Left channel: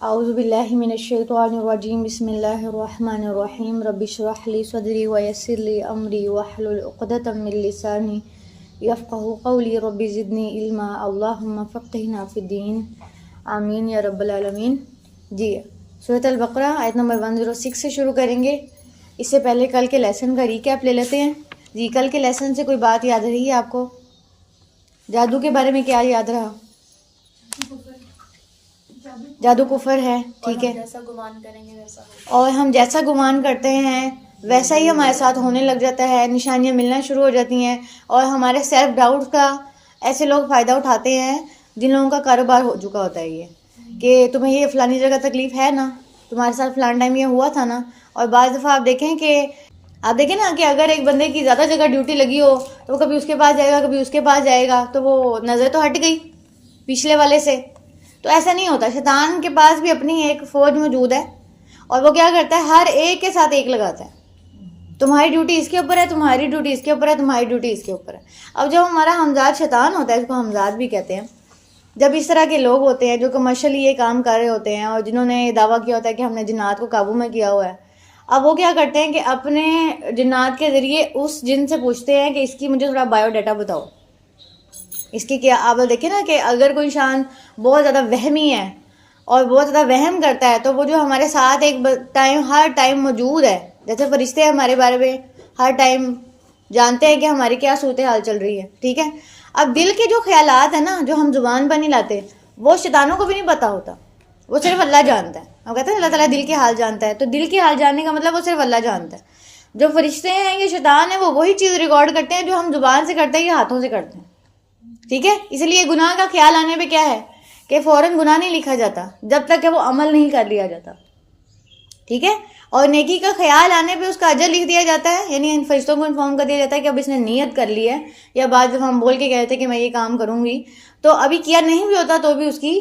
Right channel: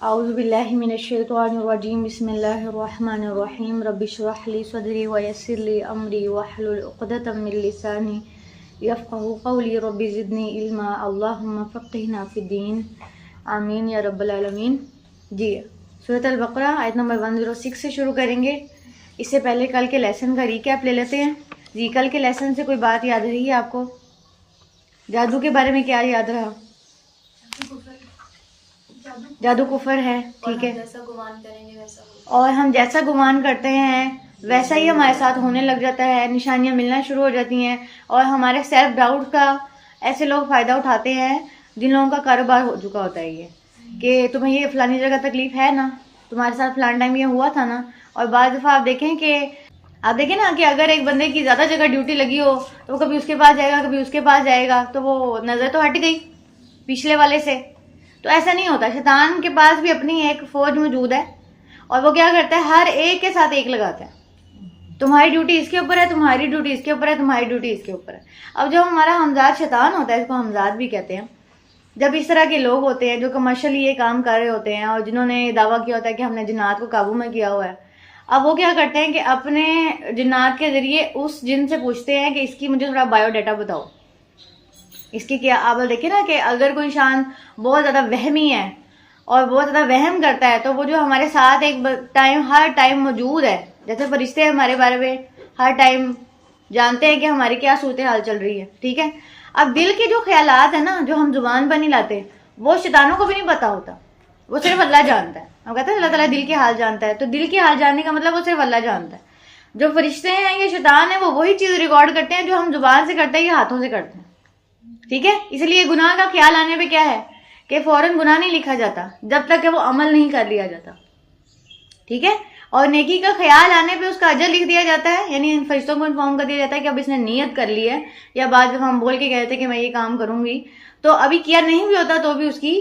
اعوذ باللہ من الشیطان الرجیم بسم اللہ الرحمن الرحیم رب اشرح لی صدری ویسر لی امری واحلل عقدۃ من لسانی یفقہوا قولی رب زدنی علما اللہم فقہنا فی الدین آمین یا رب العالمین۔ جی سورۃ البقرہ آیت نمبر 106 سے شروع کریں گے۔ اس سے پہلے کل کے لیسن کا ریکیپ لے لیتے ہیں۔ جی کل کے لیسن سے کوئی بات یاد رہی ہے آپ کو؟ جادو کے بارے میں کیا یاد رہا؟ جادو کفر ہے، ٹھیک ہے، جیسا گمان کریں گے ویسا اور ہم جیسا گمان کرتے ہیں ویسا ہی ہمارے ساتھ ہونے لگ جاتا ہے، نشانیاں ملنا شروع ہو جاتی ہیں، اور ہمارے سیلف ڈاؤٹ کا ایسے لوگ فائدہ اٹھاتے ہیں جن لوگوں کا کاروبار ہو چکا ہوتا ہے یہ کہ تمہیں یہ فلانی جگہ تکلیف ہے نا، تمہارے ساتھ فلان ٹائم یہ ہوا تھا نا۔ اور بعض دفعہ آپ دیکھیں نا کہ اگر ایک بندے کی زیادہ جگہ ڈیوٹی لگی ہو تو وہ کبھی اس کے پاس جائے گا، کبھی اس کے پاس جائے گا، تو وہ نظر تو ہٹ گئی پچھلے والے سے۔ تو ایسا نہیں ہوتا، شیطان کے پاس بھی اپنی ایک فوج موجود ہے، اور وہ کیا کرتا ہے، ہر ایک کے ساتھ ایک لگاتا ہے۔ تمہاری ڈیوٹی اس کے اوپر ہے، تمہاری ڈیوٹی اس کے اوپر ہے، تمہاری ڈیوٹی اس کے اوپر ہے۔ اب جب ہمارا ہمزاد شیطان ہوتا ہے، اس کو ہمزاد بھی کہتے ہیں، جب اس طرح کے لوگ ہوتے ہیں جو کمرشلی یہ کام کر رہے ہوتے ہیں اور جنہوں نے دعویٰ کیا ہوتا ہے کہ ہم نے جنات کو قابو میں کیا ہوا ہے، اب وہ کیا کرتے ہیں کہ اپنے جنات کے ذریعے اس جن سے پوچھتے ہیں کہ اس کی مجھے تھوڑا بایو ڈیٹا بتاؤ، اس کی کیا۔ آپ دیکھیں نا کہ اگر کوئی انسان بہت زیادہ وہمی ہے اور بہت زیادہ وہم کرتا ہے تو وہ جو ہمارے ساتھ ایک ہر ٹائم موجود ہے، جیسے فرشتے ہمارے بارے میں ہر ٹائم جانتے ہیں کہ ہماری کیا صورتحال چل رہی ہے، ٹھیک ہے۔ اب دل کے جو خیالات ہیں نا، جو ہم زبان پر نہیں لاتے، وہ شیطانوں کو بھی نہیں پتا ہوتا، وہ صرف اللہ جانتا ہے۔ ہم کہتے ہیں اللہ تعالیٰ دل کے حال جانتا ہے، تو دل کے حال جاننے کا مطلب وہ صرف اللہ جانتا ہے۔ جو فرشتے ہیں یہ شیطان ہیں، وہ وہی چیز ریکارڈ کرتے ہیں جو ہم زبان سے کرتے ہیں یا ہاتھوں سے کرتے ہیں، ٹھیک ہے۔ اس لیے گناہ کا خیال آنے پہ کیا ہے کہ فوراً گناہ نہیں لکھا جاتا جب تک کہ وہ عمل نہیں کر لیا جاتا، ٹھیک ہے۔ اور نیکی کا خیال آنے پہ اس کا اجر لکھ دیا جاتا ہے، یعنی ان فرشتوں کو انفارم کر دیا جاتا ہے کہ اب اس نے نیت کر لی ہے، یا بعد جب ہم بول کے کہتے ہیں کہ میں یہ کام کروں گی، تو ابھی کیا نہیں بھی ہوتا تو بھی اس کی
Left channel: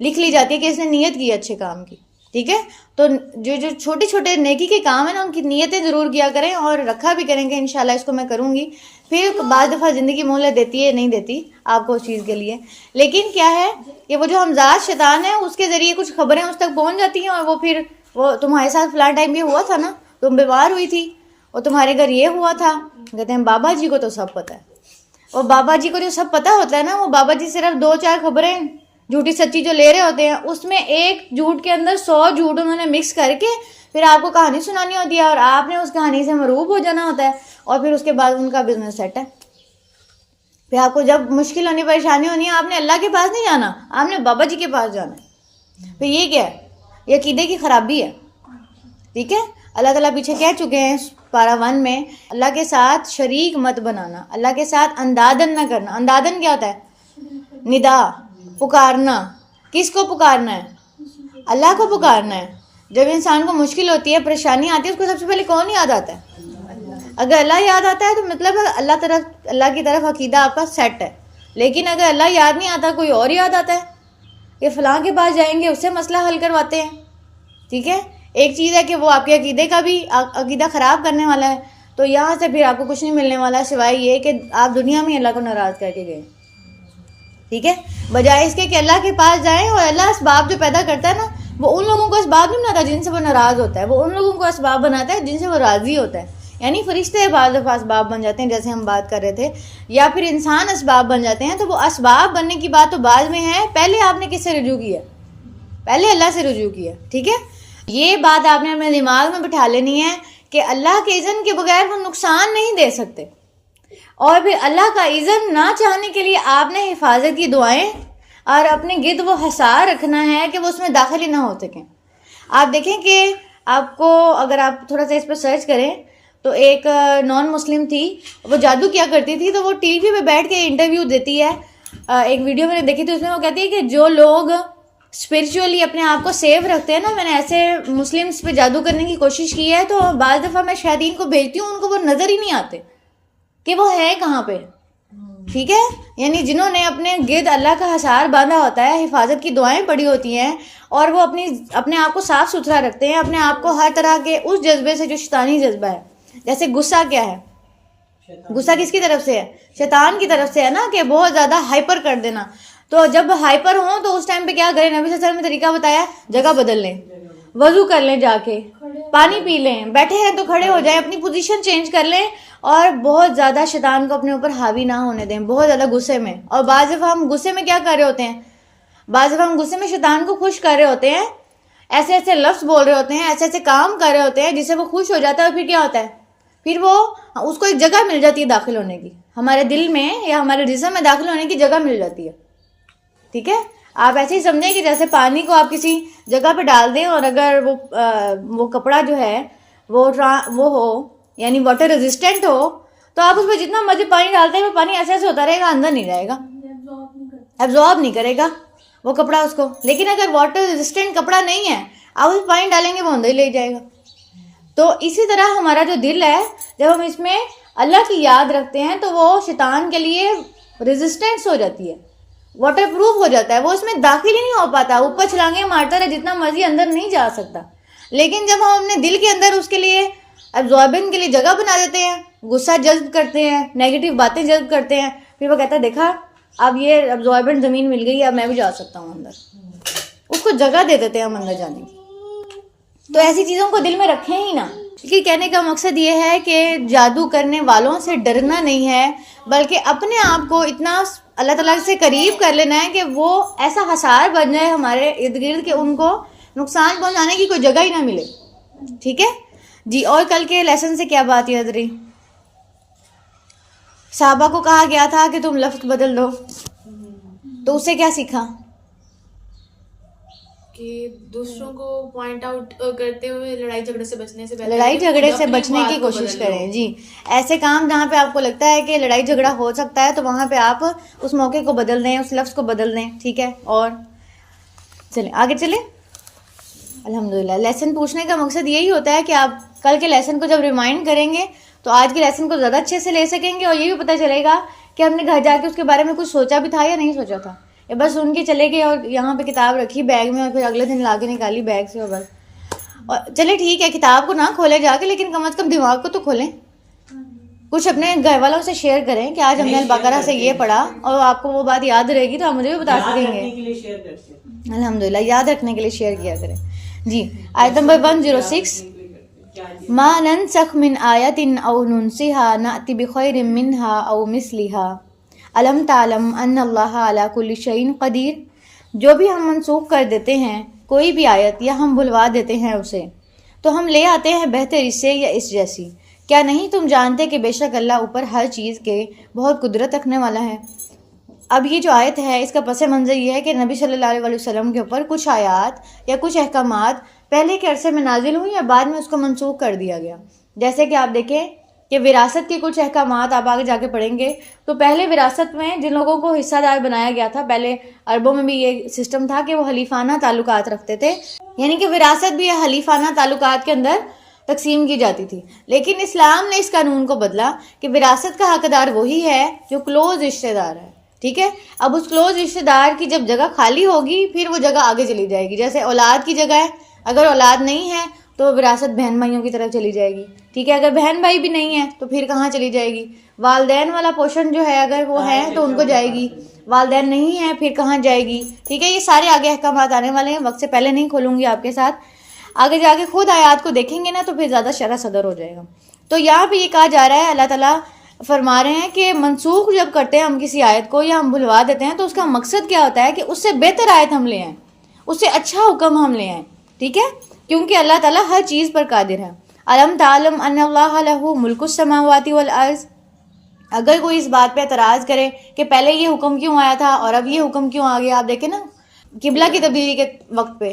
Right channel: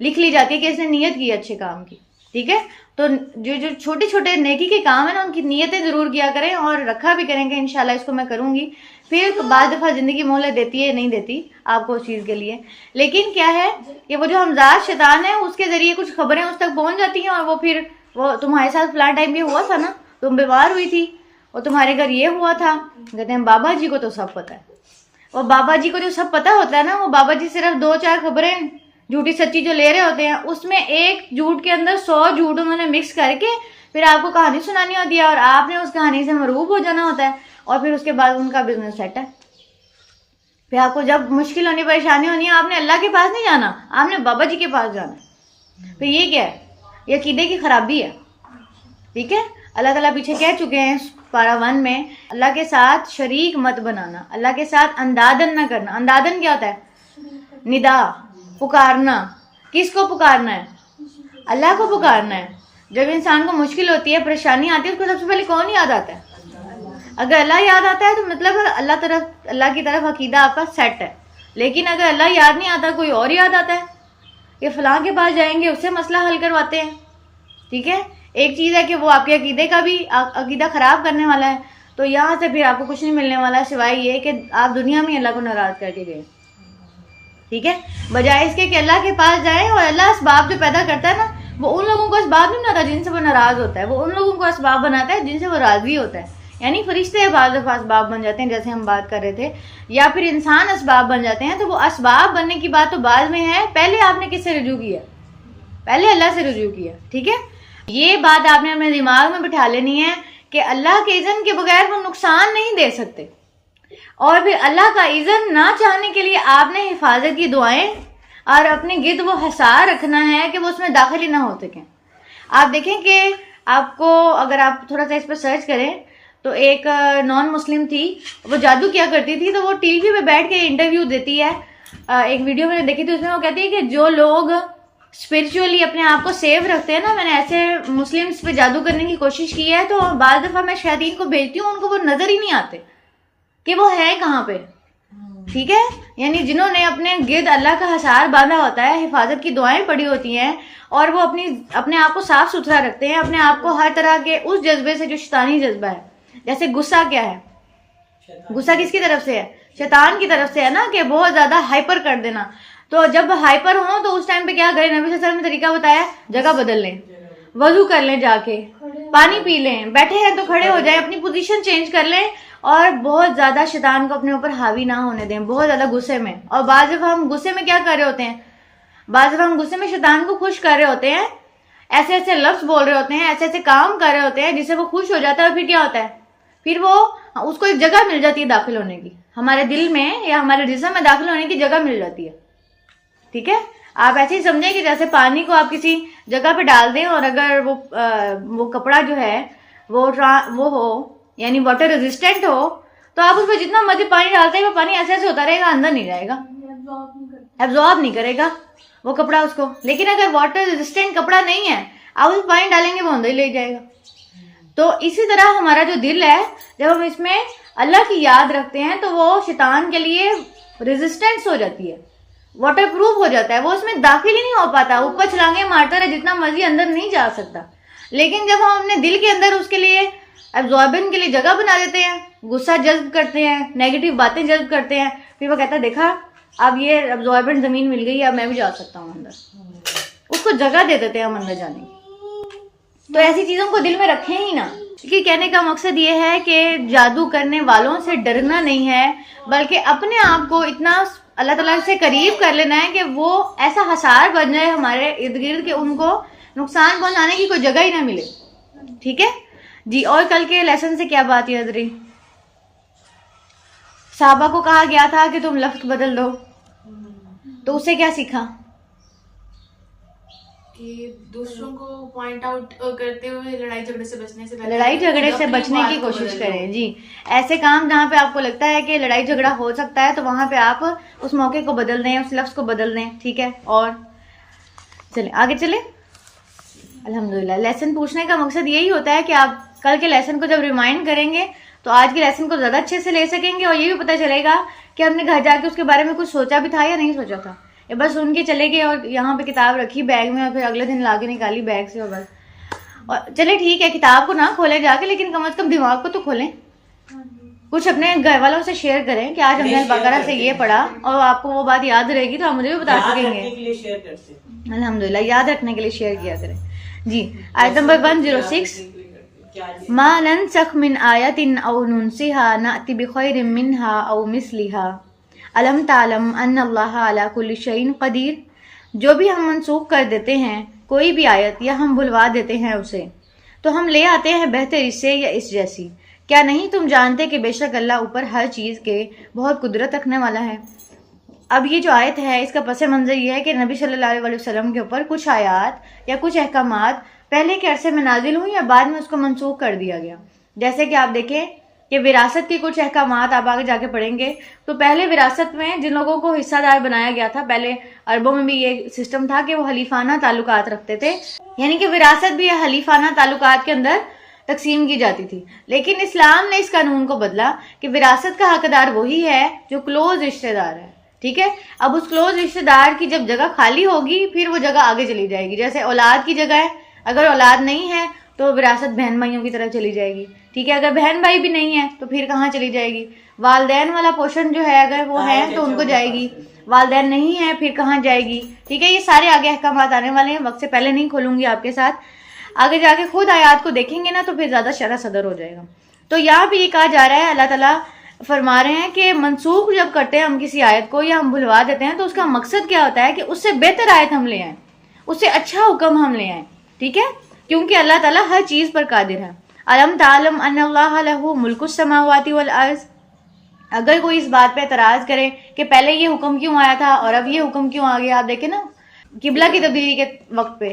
لکھ لی جاتی ہے کہ اس نے نیت کی اچھے کام کی، ٹھیک ہے۔ تو جو چھوٹے چھوٹے نیکی کے کام ہیں نا، ان کی نیتیں ضرور کیا کریں اور رکھا بھی کریں کہ انشاءاللہ اس کو میں کروں گی۔ پھر بعض دفعہ زندگی مہلت دیتی ہے، نہیں دیتی آپ کو اس چیز کے لیے، لیکن کیا ہے کہ وہ جو ہمزاد شیطان ہے اس کے ذریعے کچھ خبریں اس تک پہنچ جاتی ہیں، اور وہ پھر وہ تمہارے ساتھ فلاں ٹائم بھی ہوا تھا نا، تم بیمار ہوئی تھی اور تمہارے گھر یہ ہوا تھا، کہتے ہیں بابا جی کو تو سب پتہ ہے۔ اور بابا جی کو جو سب پتہ ہوتا ہے نا، وہ بابا جی صرف 2-4 خبریں جھوٹی سچی جو لے رہے ہوتے ہیں، اس میں ایک جھوٹ کے اندر 100 جھوٹ انہوں نے مکس کر کے پھر آپ کو کہانی سنانی ہوتی ہے، اور آپ نے اس کہانی سے مرعوب ہو جانا ہوتا ہے، اور پھر اس کے بعد ان کا بزنس سیٹ ہے۔ پھر آپ کو جب مشکل ہونی، پریشانی ہونی ہے، آپ نے اللہ کے پاس نہیں جانا، آپ نے بابا جی کے پاس جانا ہے۔ پھر یہ کیا ہے؟ یہ عقیدے کی خرابی ہے، ٹھیک ہے۔ اللہ تعالیٰ پیچھے کہہ چکے ہیں پارہ 1 میں، اللہ کے ساتھ شریک مت بنانا، اللہ کے ساتھ اندادن نہ کرنا۔ اندادن کیا ہوتا ہے؟ ندا، پکارنا۔ کس کو پکارنا ہے؟ اللہ کو پکارنا ہے۔ جب انسان کو مشکل ہوتی ہے، پریشانی آتی ہے، اس کو سب سے پہلے کون یاد آتا ہے؟ اگر اللہ یاد آتا ہے تو مطلب اللہ کی طرف عقیدہ آپ کا سیٹ ہے۔ لیکن اگر اللہ یاد نہیں آتا، کوئی اور یاد آتا ہے کہ فلاں کے پاس جائیں گے، اس سے مسئلہ حل کرواتے ہیں، ٹھیک ہے۔ ایک چیز ہے کہ وہ آپ کے عقیدے کا بھی عقیدہ خراب کرنے والا ہے، تو یہاں سے پھر آپ کو کچھ نہیں ملنے والا سوائے یہ کہ آپ دنیا میں اللہ کو ناراض کر کے گئے، ٹھیک ہے۔ بجائے اس کے کہ اللہ کے پاس جائیں، اور اللہ اسباب جو پیدا کرتا ہے نا، وہ ان لوگوں کو اسباب نہیں بناتا جن سے وہ ناراض ہوتا ہے، وہ ان لوگوں کو اسباب بناتا ہے جن سے وہ راضی ہوتا ہے۔ یعنی فرشتے بعض دفعہ اسباب بن جاتے ہیں، جیسے ہم بات کر رہے تھے، یا پھر انسان اسباب بن جاتے ہیں۔ تو وہ اسباب بننے کی بات تو بعد میں ہے، پہلے آپ نے کس سے رجوع کیا؟ پہلے اللہ سے رجوع کیا، ٹھیک ہے۔ یہ بات آپ نے اپنے دماغ میں بٹھا لینی ہے کہ اللہ کے اذن کے بغیر وہ نقصان نہیں دے سکتے، اور پھر اللہ کا اذن نہ چاہنے کے لیے آپ نے حفاظت کی دعائیں اور اپنے گرد وہ حصار رکھنا ہے کہ وہ اس میں داخل ہی نہ ہو سکیں۔ آپ دیکھیں کہ آپ کو اگر آپ تھوڑا سا اس پہ سرچ کریں تو ایک نان مسلم تھی، وہ جادو کیا کرتی تھی، تو وہ ٹی وی پہ بیٹھ کے انٹرویو دیتی ہے۔ ایک ویڈیو میں نے دیکھی تھی، اس میں وہ کہتی ہے کہ جو لوگ اسپرچولی اپنے آپ کو سیف رکھتے ہیں نا، میں نے ایسے مسلمس پہ جادو کرنے کی کوشش کی ہے، تو بعض دفعہ میں شیاطین کو بھیجتی ہوں، ان کو وہ نظر ہی نہیں آتے کہ وہ ہے کہاں پہ، ٹھیک ہے۔ یعنی جنہوں نے اپنے گرد اللہ کا حصار باندھا ہوتا ہے، حفاظت کی دعائیں پڑھی ہوتی ہیں، اور وہ اپنے آپ کو صاف ستھرا رکھتے ہیں، اپنے آپ کو ہر طرح کے اس جذبے سے جو شیطانی جذبہ ہے، جیسے غصہ کیا ہے؟ غصہ کس کی طرف سے ہے؟ شیطان کی طرف سے ہے نا، کہ بہت زیادہ ہائپر کر دینا۔ تو جب ہائپر ہوں تو اس ٹائم پہ کیا کریں؟ نبی صلی اللہ علیہ وسلم نے طریقہ بتایا، جگہ بدل لیں، وضو کر لیں، جا کے پانی پی لیں، بیٹھے ہیں تو کھڑے ہو جائیں، اپنی پوزیشن چینج کر لیں، اور بہت زیادہ شیطان کو اپنے اوپر حاوی نہ ہونے دیں، بہت زیادہ غصے میں. اور بعض دفعہ ہم غصے میں کیا کر رہے ہوتے ہیں؟ بعض دفعہ ہم غصے میں شیطان کو خوش کر رہے ہوتے ہیں، ایسے ایسے لفظ بول رہے ہوتے ہیں، ایسے ایسے کام کر رہے ہوتے ہیں جس سے وہ خوش ہو جاتا ہے، اور پھر کیا ہوتا ہے؟ پھر وہ اس کو ایک جگہ مل جاتی ہے داخل ہونے کی، ہمارے دل میں یا ہمارے جسم میں داخل ہونے کی جگہ مل جاتی ہے. ٹھیک ہے، آپ ایسے ہی سمجھیں کہ جیسے پانی کو آپ کسی جگہ پہ ڈال دیں، اور اگر وہ کپڑا جو ہے وہ ہو، یعنی واٹر ریزسٹنٹ ہو، تو آپ اس میں جتنا مرضی پانی ڈالتے ہیں وہ پانی ایسے ایسے ہوتا رہے گا، اندر نہیں جائے گا، ایبزارب نہیں کرے گا وہ کپڑا اس کو. لیکن اگر واٹر ریزسٹنٹ کپڑا نہیں ہے، آپ اس پانی ڈالیں گے وہ اندر ہی لے جائے گا. تو اسی طرح ہمارا جو دل ہے، جب ہم اس میں اللہ کی یاد رکھتے ہیں تو وہ شیطان کے لیے ریزسٹنس ہو جاتی ہے، واٹر پروف ہو جاتا ہے، وہ اس میں داخل ہی نہیں ہو پاتا، اوپر چھلانگیں مارتا رہے جتنا مرضی، اندر نہیں جا سکتا. لیکن جب ہم اپنے دل کے اندر اس کے لیے ایبزاربن کے لیے جگہ بنا دیتے ہیں، غصہ جذب کرتے ہیں، نیگیٹو باتیں جذب کرتے ہیں، پھر وہ کہتا ہے دیکھا اب یہ ایبزاربن زمین مل گئی، اب میں بھی جا سکتا ہوں اندر، اس کو جگہ دے دیتے ہیں ہم اندر جانے کی. تو ایسی چیزوں کو دل میں رکھیں ہی نہ. کیونکہ کہنے کا مقصد یہ ہے کہ جادو کرنے والوں سے ڈرنا نہیں ہے، بلکہ اپنے آپ کو اتنا اللہ تعالیٰ سے قریب کر لینا ہے کہ وہ ایسا حصار بن جائے ہمارے ارد گرد کہ ان کو نقصان پہنچانے کی کوئی جگہ ہی نہ ملے. ٹھیک ہے جی. اور کل کے لیسن سے کیا بات یاد رہی؟ صحابہ کو کہا گیا تھا کہ تم لفظ بدل دو، تو اس سے کیا سیکھا؟ کہ دوسروں کو پوائنٹ آؤٹ کرتے ہوئے لڑائی جھگڑے سے بچنے کی کوشش کریں. جی، ایسے کام جہاں پہ آپ کو لگتا ہے کہ لڑائی جھگڑا ہو سکتا ہے تو وہاں پہ آپ اس موقع کو بدل دیں، اس لفظ کو بدل دیں. ٹھیک ہے، اور چلیں آگے چلیں. الحمدللہ لیسن پوچھنے کا مقصد یہی ہوتا ہے کہ آپ کل کے لیسن کو جب ریمائنڈ کریں گے تو آج کے لیسن کو زیادہ اچھے سے لے سکیں گے، اور یہ بھی پتہ چلے گا کہ ہم نے گھر جا کے اس کے بارے میں کچھ سوچا بھی تھا یا نہیں سوچا تھا، یا بس سن کے چلے گئے اور یہاں پہ کتاب رکھی بیگ میں اور پھر اگلے دن لا کے نکالی بیگ سے اور بس. اور چلے ٹھیک ہے کتاب کو نہ کھولے جا کے، لیکن کم از کم دماغ کو تو کھولیں، کچھ اپنے گھر والوں سے شیئر کریں کہ آج ہم نے البقرہ سے یہ پڑھا، اور آپ کو وہ بات یاد رہے گی تو آپ مجھے بھی بتا سکیں گے. الحمدللہ یاد رکھنے کے لیے شیئر کیا کریں. جی، آیت نمبر 106. ما ننسخ من آیت او ننسها نأتی بخیر منها او مثلها الم تعلم ان اللہ علی کل شیء قدیر. جو بھی ہم منسوخ کر دیتے ہیں کوئی بھی آیت یا ہم بھلوا دیتے ہیں اسے، تو ہم لے آتے ہیں بہتر اس سے یا اس جیسی. کیا نہیں تم جانتے کہ بے شک اللہ اوپر ہر چیز کے بہت قدرت رکھنے والا ہے. اب یہ جو آیت ہے اس کا پس منظر یہ ہے کہ نبی صلی اللہ علیہ وسلم کے اوپر کچھ آیات یا کچھ احکامات پہلے کے عرصے میں نازل ہوئی یا بعد میں اس کو منسوخ کر دیا گیا. جیسے کہ آپ دیکھیں کہ وراثت کے کچھ احکامات آپ آگے جا کے پڑھیں گے تو پہلے وراثت میں جن لوگوں کو حصہ دار بنایا گیا تھا، پہلے عربوں میں بھی یہ سسٹم تھا کہ وہ حلیفانہ تعلقات رکھتے تھے، یعنی کہ وراثت بھی حلیفانہ تعلقات کے اندر تقسیم کی جاتی تھی. لیکن اسلام نے اس قانون کو بدلا کہ وراثت کا حقدار وہی ہے جو کلوز رشتہ دار ہے. ٹھیک ہے، اب اس کلوز رشتہ دار کی جب جگہ خالی ہوگی پھر وہ جگہ آگے چلی جائے گی. جیسے اولاد کی جگہ ہے، اگر اولاد نہیں ہے تو وراثت بہن بھائیوں کی طرف چلی جائے گی. ٹھیک ہے، اگر بہن بھائی بھی نہیں ہے تو پھر کہاں چلی جائے گی؟ والدین والا پورشن جو ہے اگر وہ ہے تو ان کو جائے گی، والدین نہیں ہے پھر کہاں جائے گی. ٹھیک ہے، یہ سارے آگے احکامات آنے والے ہیں، وقت سے پہلے نہیں کھولوں گی آپ کے ساتھ. آگے جا کے خود آیات کو دیکھیں گے نا تو پھر زیادہ شرح صدر ہو جائے گا. تو یہاں پہ یہ کہا جا رہا ہے، اللہ تعالیٰ فرما رہے ہیں کہ منسوخ جب کرتے ہیں ہم کسی آیت کو یا ہم بھلوا دیتے ہیں تو اس کا مقصد کیا ہوتا ہے کہ اس سے بہتر آیت ہم لے آئیں، اس سے اچھا حکم ہم لے آئیں. ٹھیک ہے، کیونکہ اللہ تعالیٰ ہر چیز پر قادر ہے. الم تعلم ان اللہ لہ ملک السماوات والارض. اگر کوئی اس بات پہ اعتراض کرے کہ پہلے یہ حکم کیوں آیا تھا اور اب یہ حکم کیوں آ گیا، آپ دیکھیں نا قبلہ کی تبدیلی کے وقت پہ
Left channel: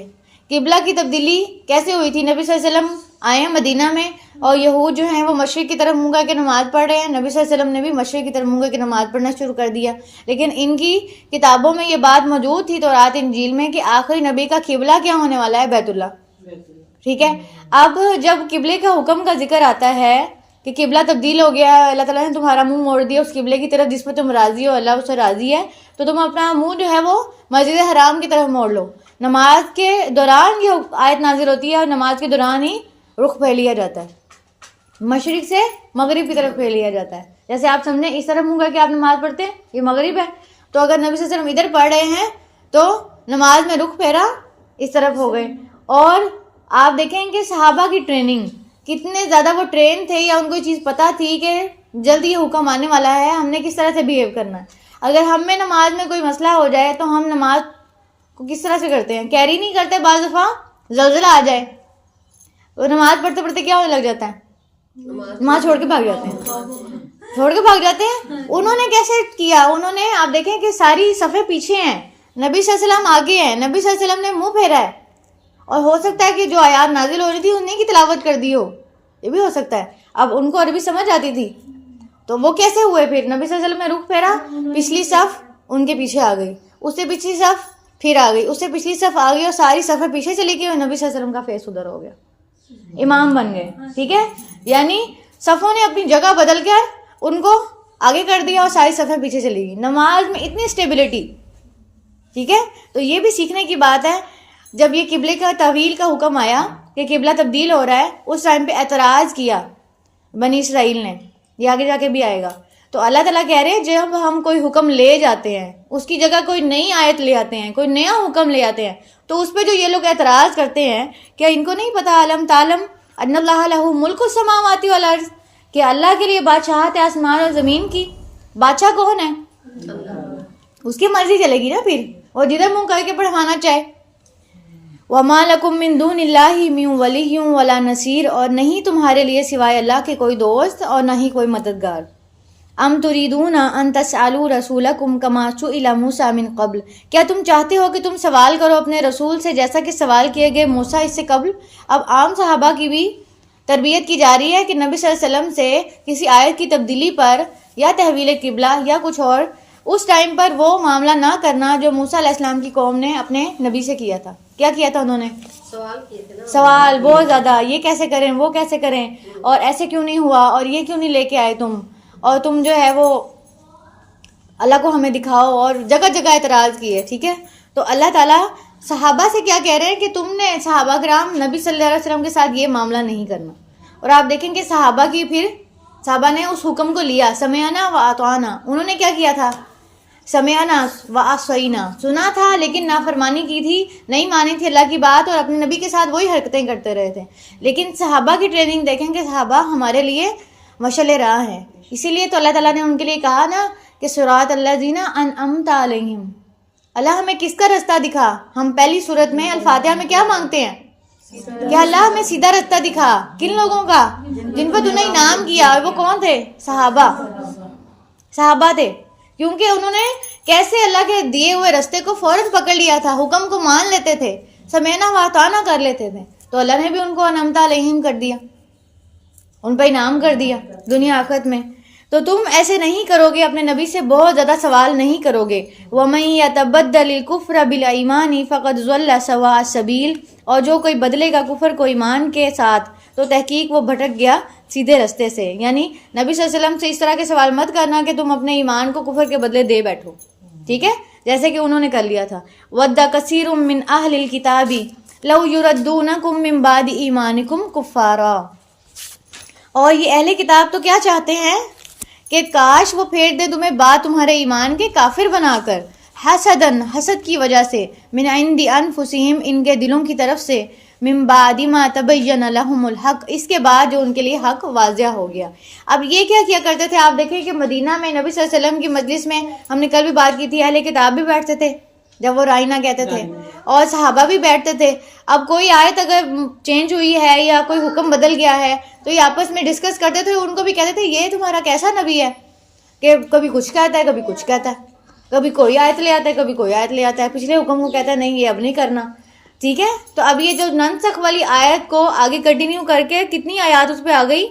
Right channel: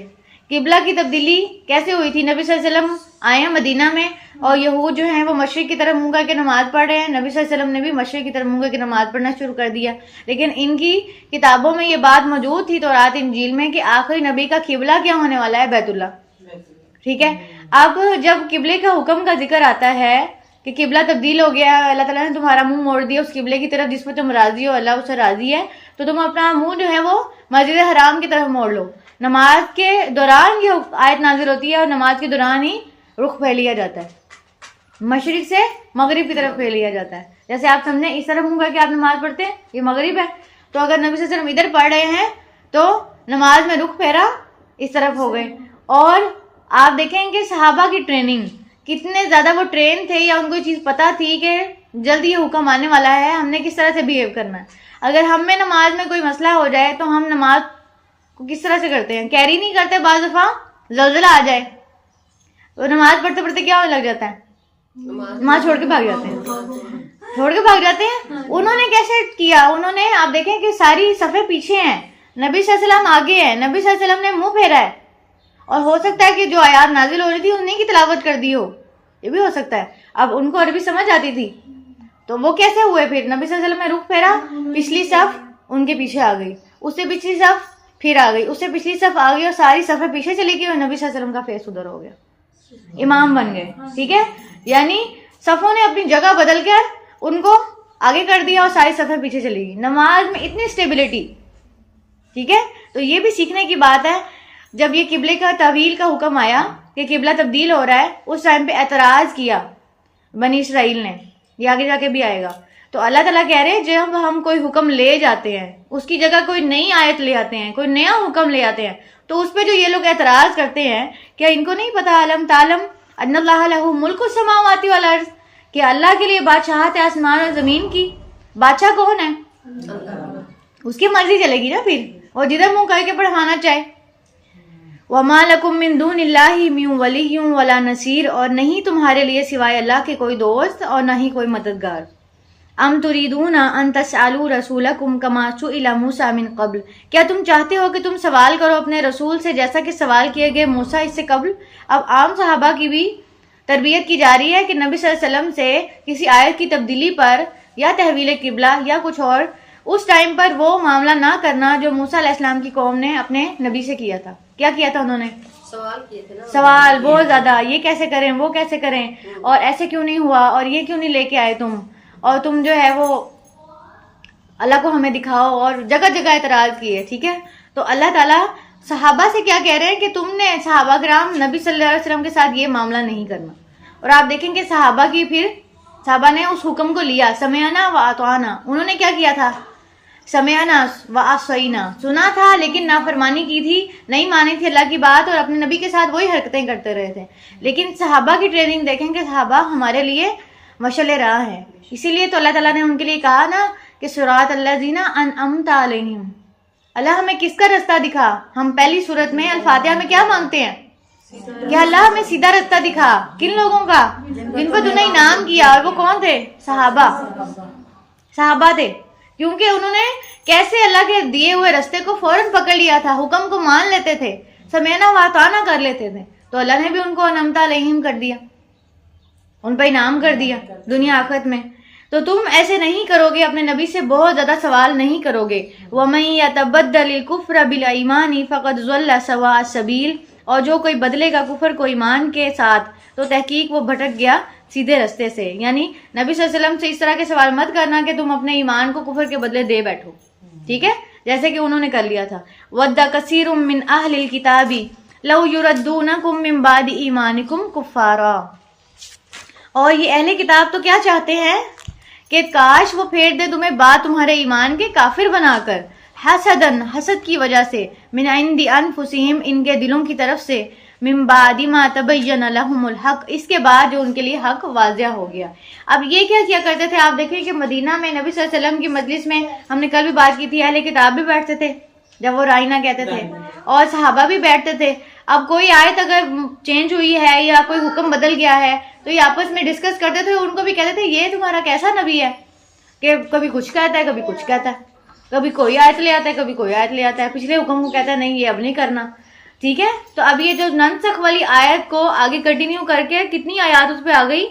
قبلہ کی تبدیلی کیسے ہوئی تھی؟ نبی صلی اللہ علیہ وسلم آئے ہیں مدینہ میں اور یہود جو ہیں وہ مشرق کی طرف منہ کر کے نماز پڑھ رہے ہیں. نبی صلی اللہ علیہ وسلم نے بھی مشرق کی طرف منہ کر کے نماز پڑھنا شروع کر دیا. لیکن ان کی کتابوں میں یہ بات موجود تھی تورات انجیل میں کہ آخری نبی کا قبلہ کیا ہونے والا ہے؟ بیت اللہ. ٹھیک ہے، اب جب قبلے کا حکم کا ذکر آتا ہے کہ قبلہ تبدیل ہو گیا، اللہ تعالیٰ نے تمہارا منہ موڑ دیا اس قبلے کی طرف جس پہ تم راضی ہو، اللہ اس سے راضی ہے، تو تم اپنا منہ جو ہے وہ مسجد حرام کی طرف موڑ لو. نماز کے دوران یہ آیت نازل ہوتی ہے اور نماز کے دوران ہی رخ پھیر لیا جاتا ہے، مشرق سے مغرب کی طرف پھیر لیا جاتا ہے. جیسے آپ سمجھیں اس طرف منہ کر کے آپ نماز پڑھتے ہیں، یہ مغرب ہے، تو اگر نبی صلی اللہ علیہ وسلم ادھر پڑھ رہے ہیں تو نماز میں رخ پھیرا اس طرف ہو گئے. اور آپ دیکھیں کہ صحابہ کی ٹریننگ کتنے زیادہ وہ ٹرین تھے, یا ان کو یہ چیز پتہ تھی کہ جلد یہ حکم آنے والا ہے, ہم نے کس طرح سے بیہیو کرنا ہے. اگر ہم میں نماز میں کوئی مسئلہ ہو جائے تو ہم نماز کو کس طرح سے کرتے ہیں, کیری نہیں کرتے, بعض دفعہ زلزلہ آ جائے اور نماز پڑھتے پڑھتے کیا ہونے لگ جاتا ہے, نماز چھوڑ کے بھاگ جاتے ہیں. انہوں نے کیسے کیا, انہوں نے آپ دیکھیں کہ ساری صفیں پیچھے ہیں, نبی صلی اللہ علیہ وسلم آگے ہیں, نبی صلی اللہ علیہ وسلم نے منہ پھیرا ہے, اور ہو سکتا ہے کہ جو آیات نازل ہو رہی تھی انہیں کی تلاوت کر دی ہو, یہ بھی ہو سکتا ہے. اب ان کو عربی سمجھ آتی تھی تو وہ کیسے ہوئے, پھر نبی صلی اللہ علیہ وسلم نے رخ پھیرا, پچھلی صف ان کے پیچھے آ گئی, اس سے پچھلی صف پھر آ گئی, اس سے پچھلی صف آ گئی, اور ساری صفیں پیچھے چلی گئی, اور نبی صلی اللہ علیہ وسلم کا فیس ادھر ہو گیا, امام بن گئے. ٹھیک ہے, یعنی صفوں نے اپنی جگہ بدل کر ان کو آگے کر دیا اور ساری صفیں پیچھے چلی گئی. نماز میں اتنی اسٹیبلٹی. ٹھیک ہے, تو یہ بھی سیکھنے کی بات ہے. جب یہ قبلے کا تحویل کا حکم آیا کہ قبلہ تبدیل ہو رہا ہے, اس ٹائم پہ اعتراض کیا بنی اسرائیل نے, یہ آگے جا کے بھی آئے گا. تو اللہ تعالیٰ کہہ رہے ہیں جب ہم کوئی حکم لے جاتے ہیں, اس کی جگہ کوئی نئی آیت لے آتے ہیں, کوئی نیا حکم لے آتے ہیں, تو اس پہ جو یہ لوگ اعتراض کرتے ہیں, کیا ان کو نہیں پتا علم تعلم ان اللہ لہ ملک السماوات والارض, کہ اللہ کے لیے بادشاہت ہے آسمان اور زمین کی. بادشاہ کون ہے, اس کی مرضی چلے گی نا پھر, اور جدھر منہ کر کے پڑھوانا چاہے. وَمَا لَكُم مِّن دُونِ اللَّهِ مِن وَلِيٍّ وَلَا نَصِيرٍ, اور نہیں تمہارے لیے سوائے اللہ کے کوئی دوست اور نہ ہی کوئی مددگار. ام تريدون ان تسألوا رسولكم كما سئل موسى من قبل, کیا تم چاہتے ہو کہ تم سوال کرو اپنے رسول سے جیسا کہ سوال کیے گئے موسیٰ اس سے قبل. اب عام صحابہ کی بھی تربیت کی جا رہی ہے کہ نبی صلی اللہ علیہ وسلم سے کسی آیت کی تبدیلی پر یا تحویل قبلہ یا کچھ اور, اس ٹائم پر وہ معاملہ نہ کرنا جو موسیٰ علیہ السلام کی قوم نے اپنے نبی سے کیا تھا. کیا کیا تھا انہوں نے, سوال کیے تھے نا, سوال بہت زیادہ, یہ کیسے کریں, وہ کیسے کریں, اور ایسے کیوں نہیں ہوا, اور یہ کیوں نہیں لے کے آئے تم, اور تم جو ہے وہ اللہ کو ہمیں دکھاؤ, اور جگہ جگہ اعتراض کیے. ٹھیک ہے, تو اللہ تعالیٰ صحابہ سے کیا کہہ رہے ہیں کہ تم نے صحابہ کرام نبی صلی اللہ علیہ وسلم کے ساتھ یہ معاملہ نہیں کرنا. اور آپ دیکھیں کہ صحابہ کی پھر صحابہ نے اس حکم کو لیا, سمعنا و اطعنا. انہوں نے کیا کیا تھا, سمعنا و عصینا, سنا تھا لیکن نافرمانی کی تھی, نہیں مانی تھی اللہ کی بات, اور اپنے نبی کے ساتھ وہی حرکتیں کرتے رہے تھے. لیکن صحابہ کی ٹریننگ دیکھیں کہ صحابہ ہمارے لیے مشعل راہ ہیں. اسی لیے تو اللہ تعالیٰ نے ان کے لیے کہا نا کہ صراط الذین انعمت علیہم, اللہ ہمیں کس کا رستہ دکھا. ہم پہلی صورت میں الفاتحہ میں کیا مانگتے ہیں کہ اللہ ہمیں سیدھا رستہ دکھا. کن لوگوں کا, جن کو تو نے انعام کیا, اور وہ کون تھے, صحابہ تھے. کیونکہ انہوں نے کیسے اللہ کے دیے ہوئے رستے کو فوراً پکڑ لیا تھا, حکم کو مان لیتے تھے, سمعنا و اطعنا کر لیتے تھے. تو اللہ نے بھی ان کو انعمت علیہم کر دیا, ان پہ انعام کر دیا دنیا آخرت میں. تو تم ایسے نہیں کرو گے, اپنے نبی سے بہت زیادہ سوال نہیں کرو گے. وَمَن يَتَبَدَّلِ الْكُفْرَ بِالْإِيمَانِ فَقَدْ ضَلَّ سَوَاءَ السَّبِيلِ, اور جو کوئی بدلے گا کفر کو ایمان کے ساتھ تو تحقیق وہ بھٹک گیا سیدھے رستے سے. یعنی نبی صلی اللہ علیہ وسلم سے اس طرح کے سوال مت کرنا کہ تم اپنے ایمان کو کفر کے بدلے دے بیٹھو. ٹھیک ہے, جیسے کہ انہوں نے کر لیا تھا. وَدَّ كَثِيرٌ مِّنْ أَهْلِ الْكِتَابِ لَوْ يُرَدُّونَكُم مِّن بَعْدِ إِيمَانِكُمْ كُفَّارًا, اور یہ اہل کتاب تو کیا چاہتے ہیں کہ کاش وہ پھیر دے تمہیں بعد تمہارے ایمان کے کافر بنا کر, حسدن, حسد کی وجہ سے, من عند انفسہم, ان کے دلوں کی طرف سے, من بعد ما تبین لہم الحق, اس کے بعد جو ان کے لیے حق واضح ہو گیا. اب یہ کیا کرتے تھے, آپ دیکھیں کہ مدینہ میں نبی صلی اللہ علیہ وسلم کی مجلس میں, ہم نے کل بھی بات کی تھی, اہل کتاب بھی بیٹھتے تھے جب وہ رائنا کہتے تھے, اور صحابہ بھی بیٹھتے تھے. اب کوئی آیت اگر چینج ہوئی ہے یا کوئی حکم بدل گیا ہے تو یہ آپس میں ڈسکس کرتے تھے, ان کو بھی کہتے تھے یہ تمہارا کیسا نبی ہے کہ کبھی کچھ کہتا ہے, کبھی کچھ کہتا ہے, کبھی کوئی آیت لے آتا ہے, کبھی کوئی آیت لے آتا ہے, پچھلے حکم کو کہتا ہے نہیں یہ اب نہیں کرنا. ٹھیک ہے, تو اب یہ جو ننسخ والی آیت کو آگے کنٹینیو کر کے کتنی آیات اس پہ آ گئی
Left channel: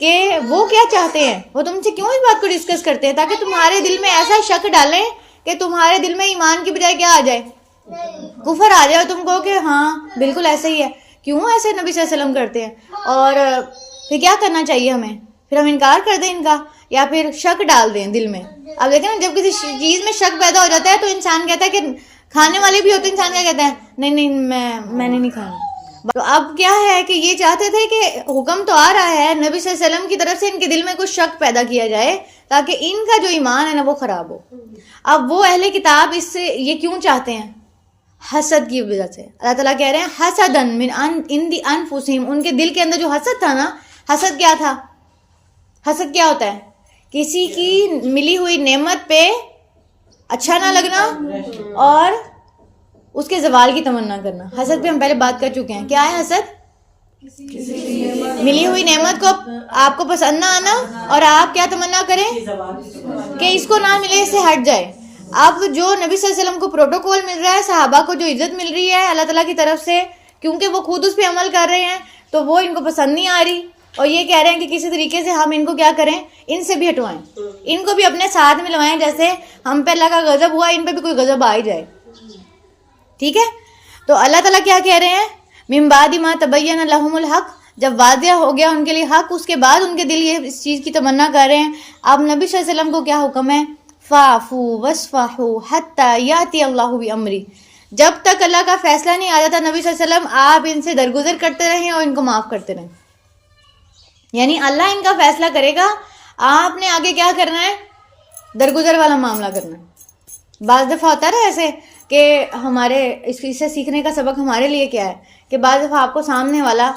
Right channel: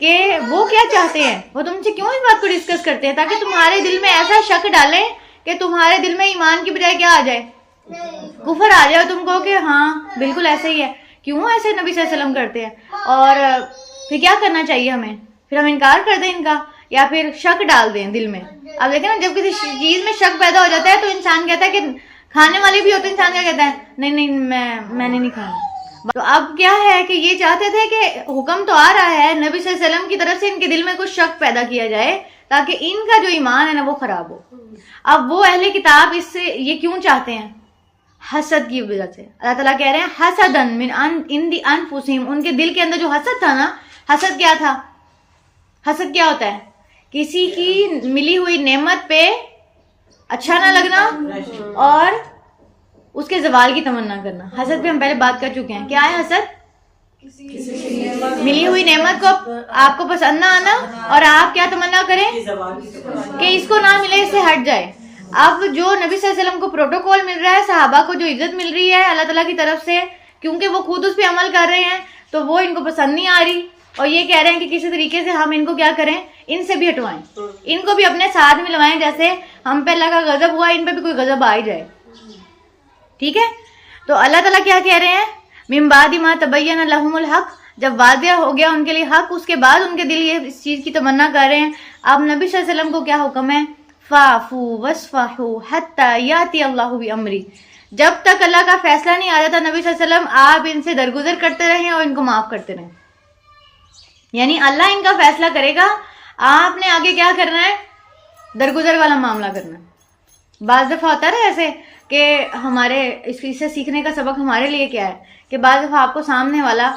کہ وہ کیا چاہتے ہیں, وہ تم سے کیوں اس بات کو ڈسکس کرتے ہیں, تاکہ تمہارے دل میں ایسا شک ڈالیں کہ تمہارے دل میں ایمان کی بجائے کیا آ جائے, کفر آ جائے, اور تم کہو کہ ہاں بالکل ایسے ہی ہے. کیوں ایسے نبی صلی اللہ علیہ وسلم کرتے ہیں, اور پھر کیا کرنا چاہیے ہمیں, پھر ہم انکار کر دیں ان کا, یا پھر شک ڈال دیں دل میں. اب دیکھیں نا, جب کسی چیز میں شک پیدا ہو جاتا ہے تو انسان کہتا ہے کہ کھانے والے بھی ہوتے, انسان کیا کہتا ہے, نہیں میں نے نہیں کھانا. تو اب کیا ہے کہ یہ چاہتے تھے کہ حکم تو آ رہا ہے نبی صلی اللہ علیہ وسلم کی طرف سے, ان کے دل میں کچھ شک پیدا کیا جائے تاکہ ان کا جو ایمان ہے نا وہ خراب ہو. اب وہ اہل کتاب اس سے یہ کیوں چاہتے ہیں؟ حسد کی وجہ سے. اللہ تعالیٰ کہہ رہے ہیں حسدن من عند انفسہم، ان کے دل کے اندر جو حسد تھا نا. حسد کیا تھا؟ حسد کیا ہوتا ہے؟ کسی کی ملی ہوئی نعمت پہ اچھا نہ لگنا اور اس کے زوال کی تمنا کرنا. حسد پہ ہم پہلے بات کر چکے ہیں. کیا ہے حسد؟ ملی ہوئی نعمت کو آپ کو پسند نہ آنا اور آپ کیا تمنا کریں کہ اس کو نہ ملے، اس سے ہٹ جائے. اب جو نبی صلی اللہ علیہ وسلم کو پروٹوکول مل رہا ہے، صحابہ کو جو عزت مل رہی ہے اللہ تعالیٰ کی طرف سے، کیونکہ وہ خود اس پہ عمل کر رہے ہیں تو وہ ان کو پسند نہیں آ رہی، اور یہ کہہ رہے ہیں کہ کسی طریقے سے ہم ان کو کیا کریں، ان سے بھی ہٹوائیں، ان کو بھی اپنے ساتھ ملوائیں. جیسے ہم پہ اللہ کا غضب ہوا، ان پہ بھی کوئی غضب آ ہی جائے. ٹھیک ہے؟ تو اللہ تعالیٰ کیا کہہ رہے ہیں؟ من بعد ما تبین لہم الحق، جب واضح ہو گیا ان کے لیے حق، اس کے بعد ان کے دل یہ اس چیز کی تمنا کر رہے ہیں. اب نبی صلی اللہ علیہ وسلم کو کیا حکم ہے؟ فاعفوا واصفحوا حتی یاتی اللہ بامری. جب تک اللہ کا فیصلہ نہیں آ جاتا نبی صلی اللہ علیہ وسلم آپ ان سے درگزر کرتے رہیں اور ان کو معاف کرتے رہیں. یعنی اللہ ان کا فیصلہ کرے گا، آپ نے آگے کیا کرنا ہے؟ درگزر والا معاملہ کرنا ہے. بعض دفعہ ہوتا ہے نا ایسے کہ ہمارے اس سے سیکھنے کا سبق ہمارے لیے کیا ہے کہ بعض دفعہ آپ کو سامنے والا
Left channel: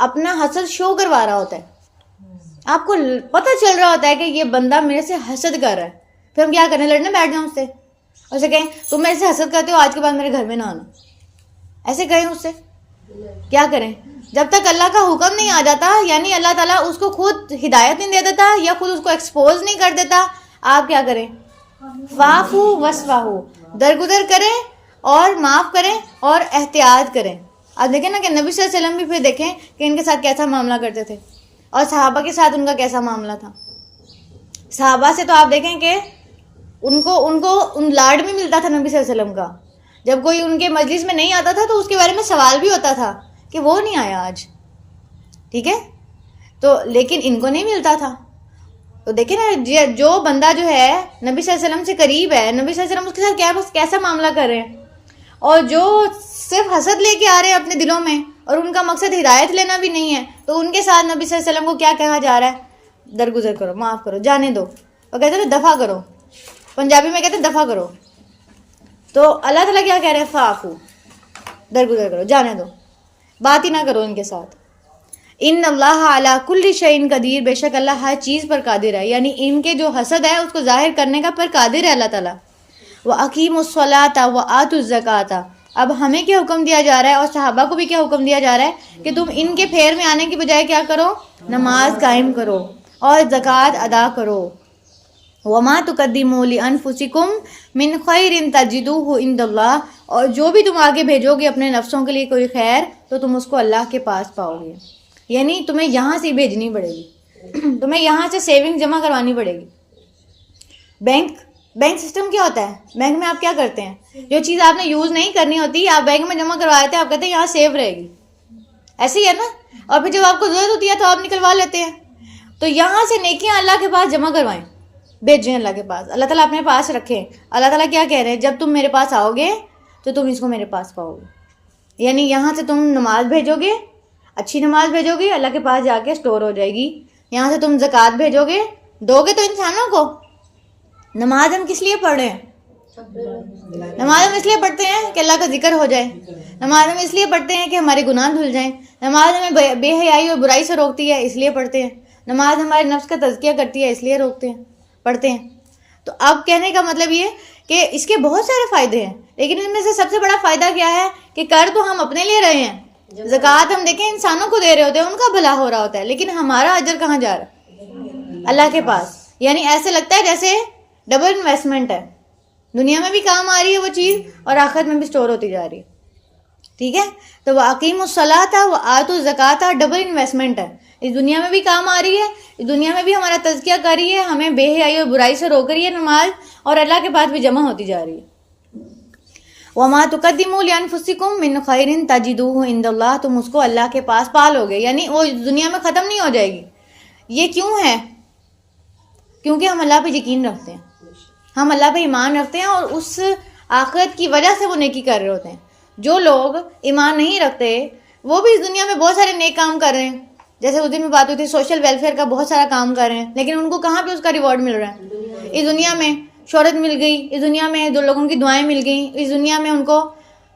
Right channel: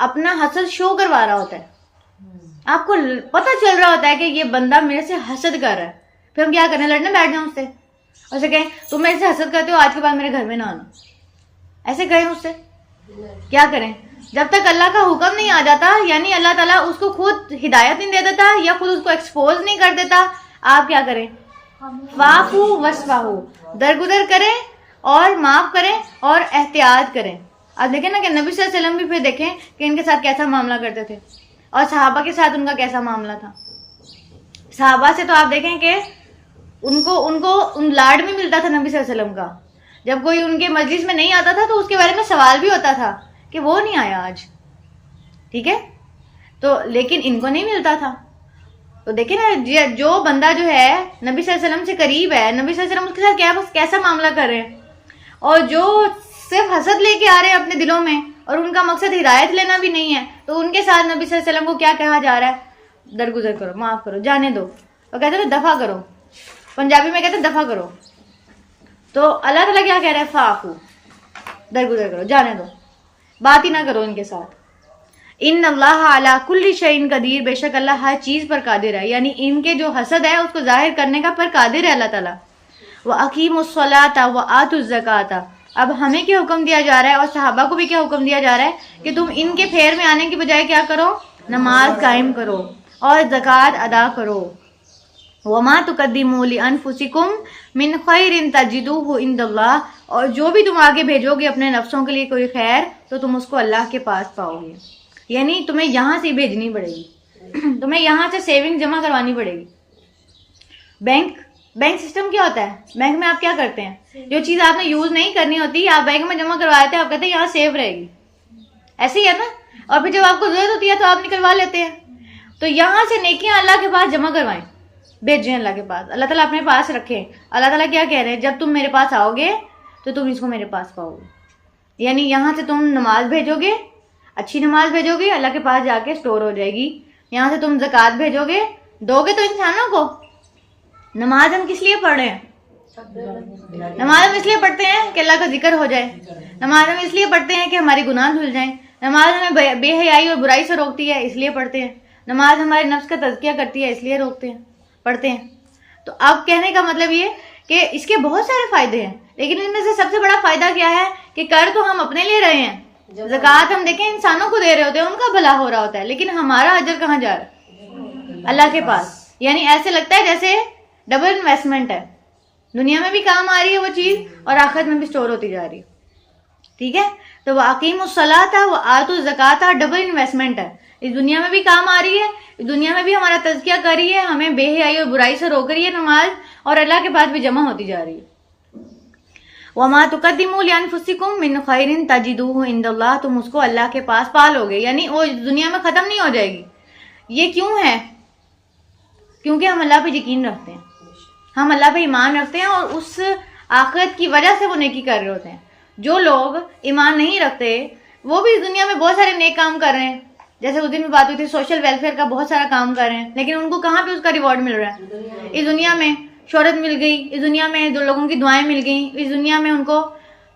اپنا حسد شو کروا رہا ہوتا ہے، آپ کو پتہ چل رہا ہوتا ہے کہ یہ بندہ میرے سے حسد کر رہا ہے، پھر ہم کیا کرنے لڑنے بیٹھ جائیں اس سے، اور اسے کہیں تم میرے سے حسد کرتے ہو، آج کے بعد میرے گھر میں نہ آنا. ایسے کہیں اس سے کیا کریں؟ جب تک اللہ کا حکم نہیں آ جاتا، یعنی اللہ تعالیٰ اس کو خود ہدایت نہیں دے دیتا یا خود اس کو ایکسپوز نہیں کر دیتا، آپ کیا کریں؟ فاعفوا واصفحوا، درگزر کریں اور معاف کریں اور احتیاط کریں. اب دیکھیں نا کہ نبی صلی اللہ علیہ وسلم بھی پھر دیکھیں کہ ان کے ساتھ کیسا معاملہ کرتے تھے اور صحابہ کے ساتھ ان کا کیسا معاملہ تھا. صحابہ سے تو آپ دیکھیں کہ ان کو لاڈ بھی ملتا تھا نبی صلی اللہ علیہ وسلم کا. جب کوئی ان کے مجلس میں نہیں آتا تھا تو اس کے بارے میں سوال بھی ہوتا تھا کہ وہ نہیں آیا آج. ٹھیک ہے؟ تو لیکن ان کو نہیں ملتا تھا. تو دیکھیں نا جو بندہ جو ہے نبی صلی اللہ علیہ وسلم سے قریب ہے، نبی صلی اللہ علیہ وسلم اس کے ساتھ کیسا معاملہ کر رہے ہیں، اور جو صرف حسد لے کے آ رہے ہیں اپنے دلوں میں اور ان کا مقصد ہدایت لینا بھی نہیں ہے، تو ان کے ساتھ نبی صلی اللہ علیہ وسلم کو کیا کہا جا رہا ہے؟ درگزر کرو، معاف کرو، جانے دو. اور کہتے ہیں دفع کرو، پنجابی میں کہتے ہیں دفع کرو. تو اللہ تعالیٰ کیا کہہ رہا ہے؟ فاعفو، درگزر کرو، جانے دو، بات ہی نہ کرو ان کے ساتھ. ان اللہ علی کل شیء قدیر، بے شک اللہ ہر چیز پر قادر ہے. یعنی ان کے جو حسد ہے اس کو ظاہر کرنے کا پر قادر ہے اللہ تعالیٰ. وَأَقِیمُوا الصَّلَاةَ وَآتُوا الزَّکَاةَ، اب ہمیں کیا حکم دیا جا رہا ہے اور صحابہ کو بھی کیا حکم دیا جا رہا ہے کہ تم ان کے پھیر میں آنے کی بجائے کیا کرو؟ نماز قائم کرو اور زکوٰۃ ادا کرو. وَمَا تُقَدِّمُوا لِأَنفُسِكُم مِّن خَيْرٍ تَجِدُوهُ عِندَ اللَّهِ، اور جو بھی تم آگے بھیجو گے اپنے نفسوں کے لیے کوئی خیر تو تم اس کو اللہ کے پاس پاؤ گے. یعنی تمہیں یہاں سے بھیجنی پڑے گی، تمہیں یہاں سے سیونگ جمع کروانی پڑے گی. بینک سسٹم کیا ہوتا ہے؟ بینک میں آپ کیا کرتے ہیں؟ جو چیز آپ نے یوز نہیں کرنی ہوتی آپ بینک میں جمع کرواتے ہیں، آپ کہتے ہیں یہاں سیو رہے گی. ایسے ہی ہے نا؟ اور پھر جب آپ کو ضرورت ہوتی ہے تو آپ نکلوا لیتے ہیں. تو یہاں سے نیکیاں اللہ کے پاس جمع کروائیں، بھیجیں اللہ کے پاس، اللہ تعالیٰ اپنے پاس رکھیں. اللہ تعالیٰ کیا کہہ رہے ہیں؟ جب تم میرے پاس آؤ گے تو تم اس کو میرے پاس پاؤ گے. یعنی یہاں سے تم نماز بھیجو گے، اچھی نماز بھیجو گے، اللہ کے پاس جا کے سٹور ہو جائے گی. یہاں سے تم زکوٰۃ بھیجو گے، دو گے تو انسانوں کو. نماز ہم کس لیے پڑھ رہے ہیں؟ نماز ہم اس لیے پڑھتے ہیں کہ اللہ کا ذکر ہو جائے. نماز ہم اس لیے پڑھتے ہیں کہ ہمارے گناہ دھل جائیں. نماز ہمیں بے حیائی اور برائی سے روکتی ہے، اس لیے پڑھتے ہیں. نماز ہمارے نفس کا تزکیہ کرتی ہے، اس لیے پڑھتے ہیں. تو اب کہنے کا مطلب یہ کہ اس کے بہت سارے فائدے ہیں، لیکن ان میں سے سب سے بڑا فائدہ کیا ہے کہ کر تو ہم اپنے لیے رہے ہیں. زکوٰۃ ہم دیکھیں انسانوں کو دے رہے ہوتے ہیں، ان کا بھلا ہو رہا ہوتا ہے، لیکن ہمارا اجر کہاں جا رہا ہے؟ اللہ کے پاس. یعنی ایسے لگتا ہے جیسے ڈبل انویسٹمنٹ ہے، دنیا میں بھی کام آ رہی ہے وہ چیز اور آخرت میں بھی سٹور ہوتی جا رہی ہے. ٹھیک ہے؟ تو وَأَقِیمُوا الصَّلَاةَ وَآتُوا الزَّکَاةَ ڈبل انویسٹمنٹ ہے. اس دنیا میں بھی کام آ رہی ہے، اس دنیا میں بھی ہمارا تزکیہ کر رہی ہے، ہمیں بے حیائی اور برائی سے روک رہی ہے نماز، اور اللہ کے پاس بھی جمع ہوتی جا رہی ہے. وَمَا تُقَدِّمُوا لِأَنفُسِكُم مِّن خَيْرٍ تَجِدُوهُ عِندَ اللَّهِ، تم اس کو اللہ کے پاس پا لو گے. یعنی وہ دنیا میں ختم نہیں ہو جائے گی. یہ کیوں ہے؟ کیونکہ ہم اللہ پہ یقین رکھتے ہیں، ہم اللہ پہ ایمان رکھتے ہیں، اور اس آخرت کی وجہ سے وہ نیکی کر رہے ہوتے ہیں. جو لوگ ایمان نہیں رکھتے وہ بھی اس دنیا میں بہت سارے نیک کام کر رہے ہیں، جیسے اس دن بھی بات ہوئی تھی سوشل ویلفیئر کا بہت سارا کام کر رہے ہیں، لیکن ان کو کہاں پہ اس کا ریوارڈ مل رہا ہے؟ اس دنیا میں شہرت مل گئی، اس دنیا میں جو لوگوں کی دعائیں مل گئیں، اس دنیا میں ان کو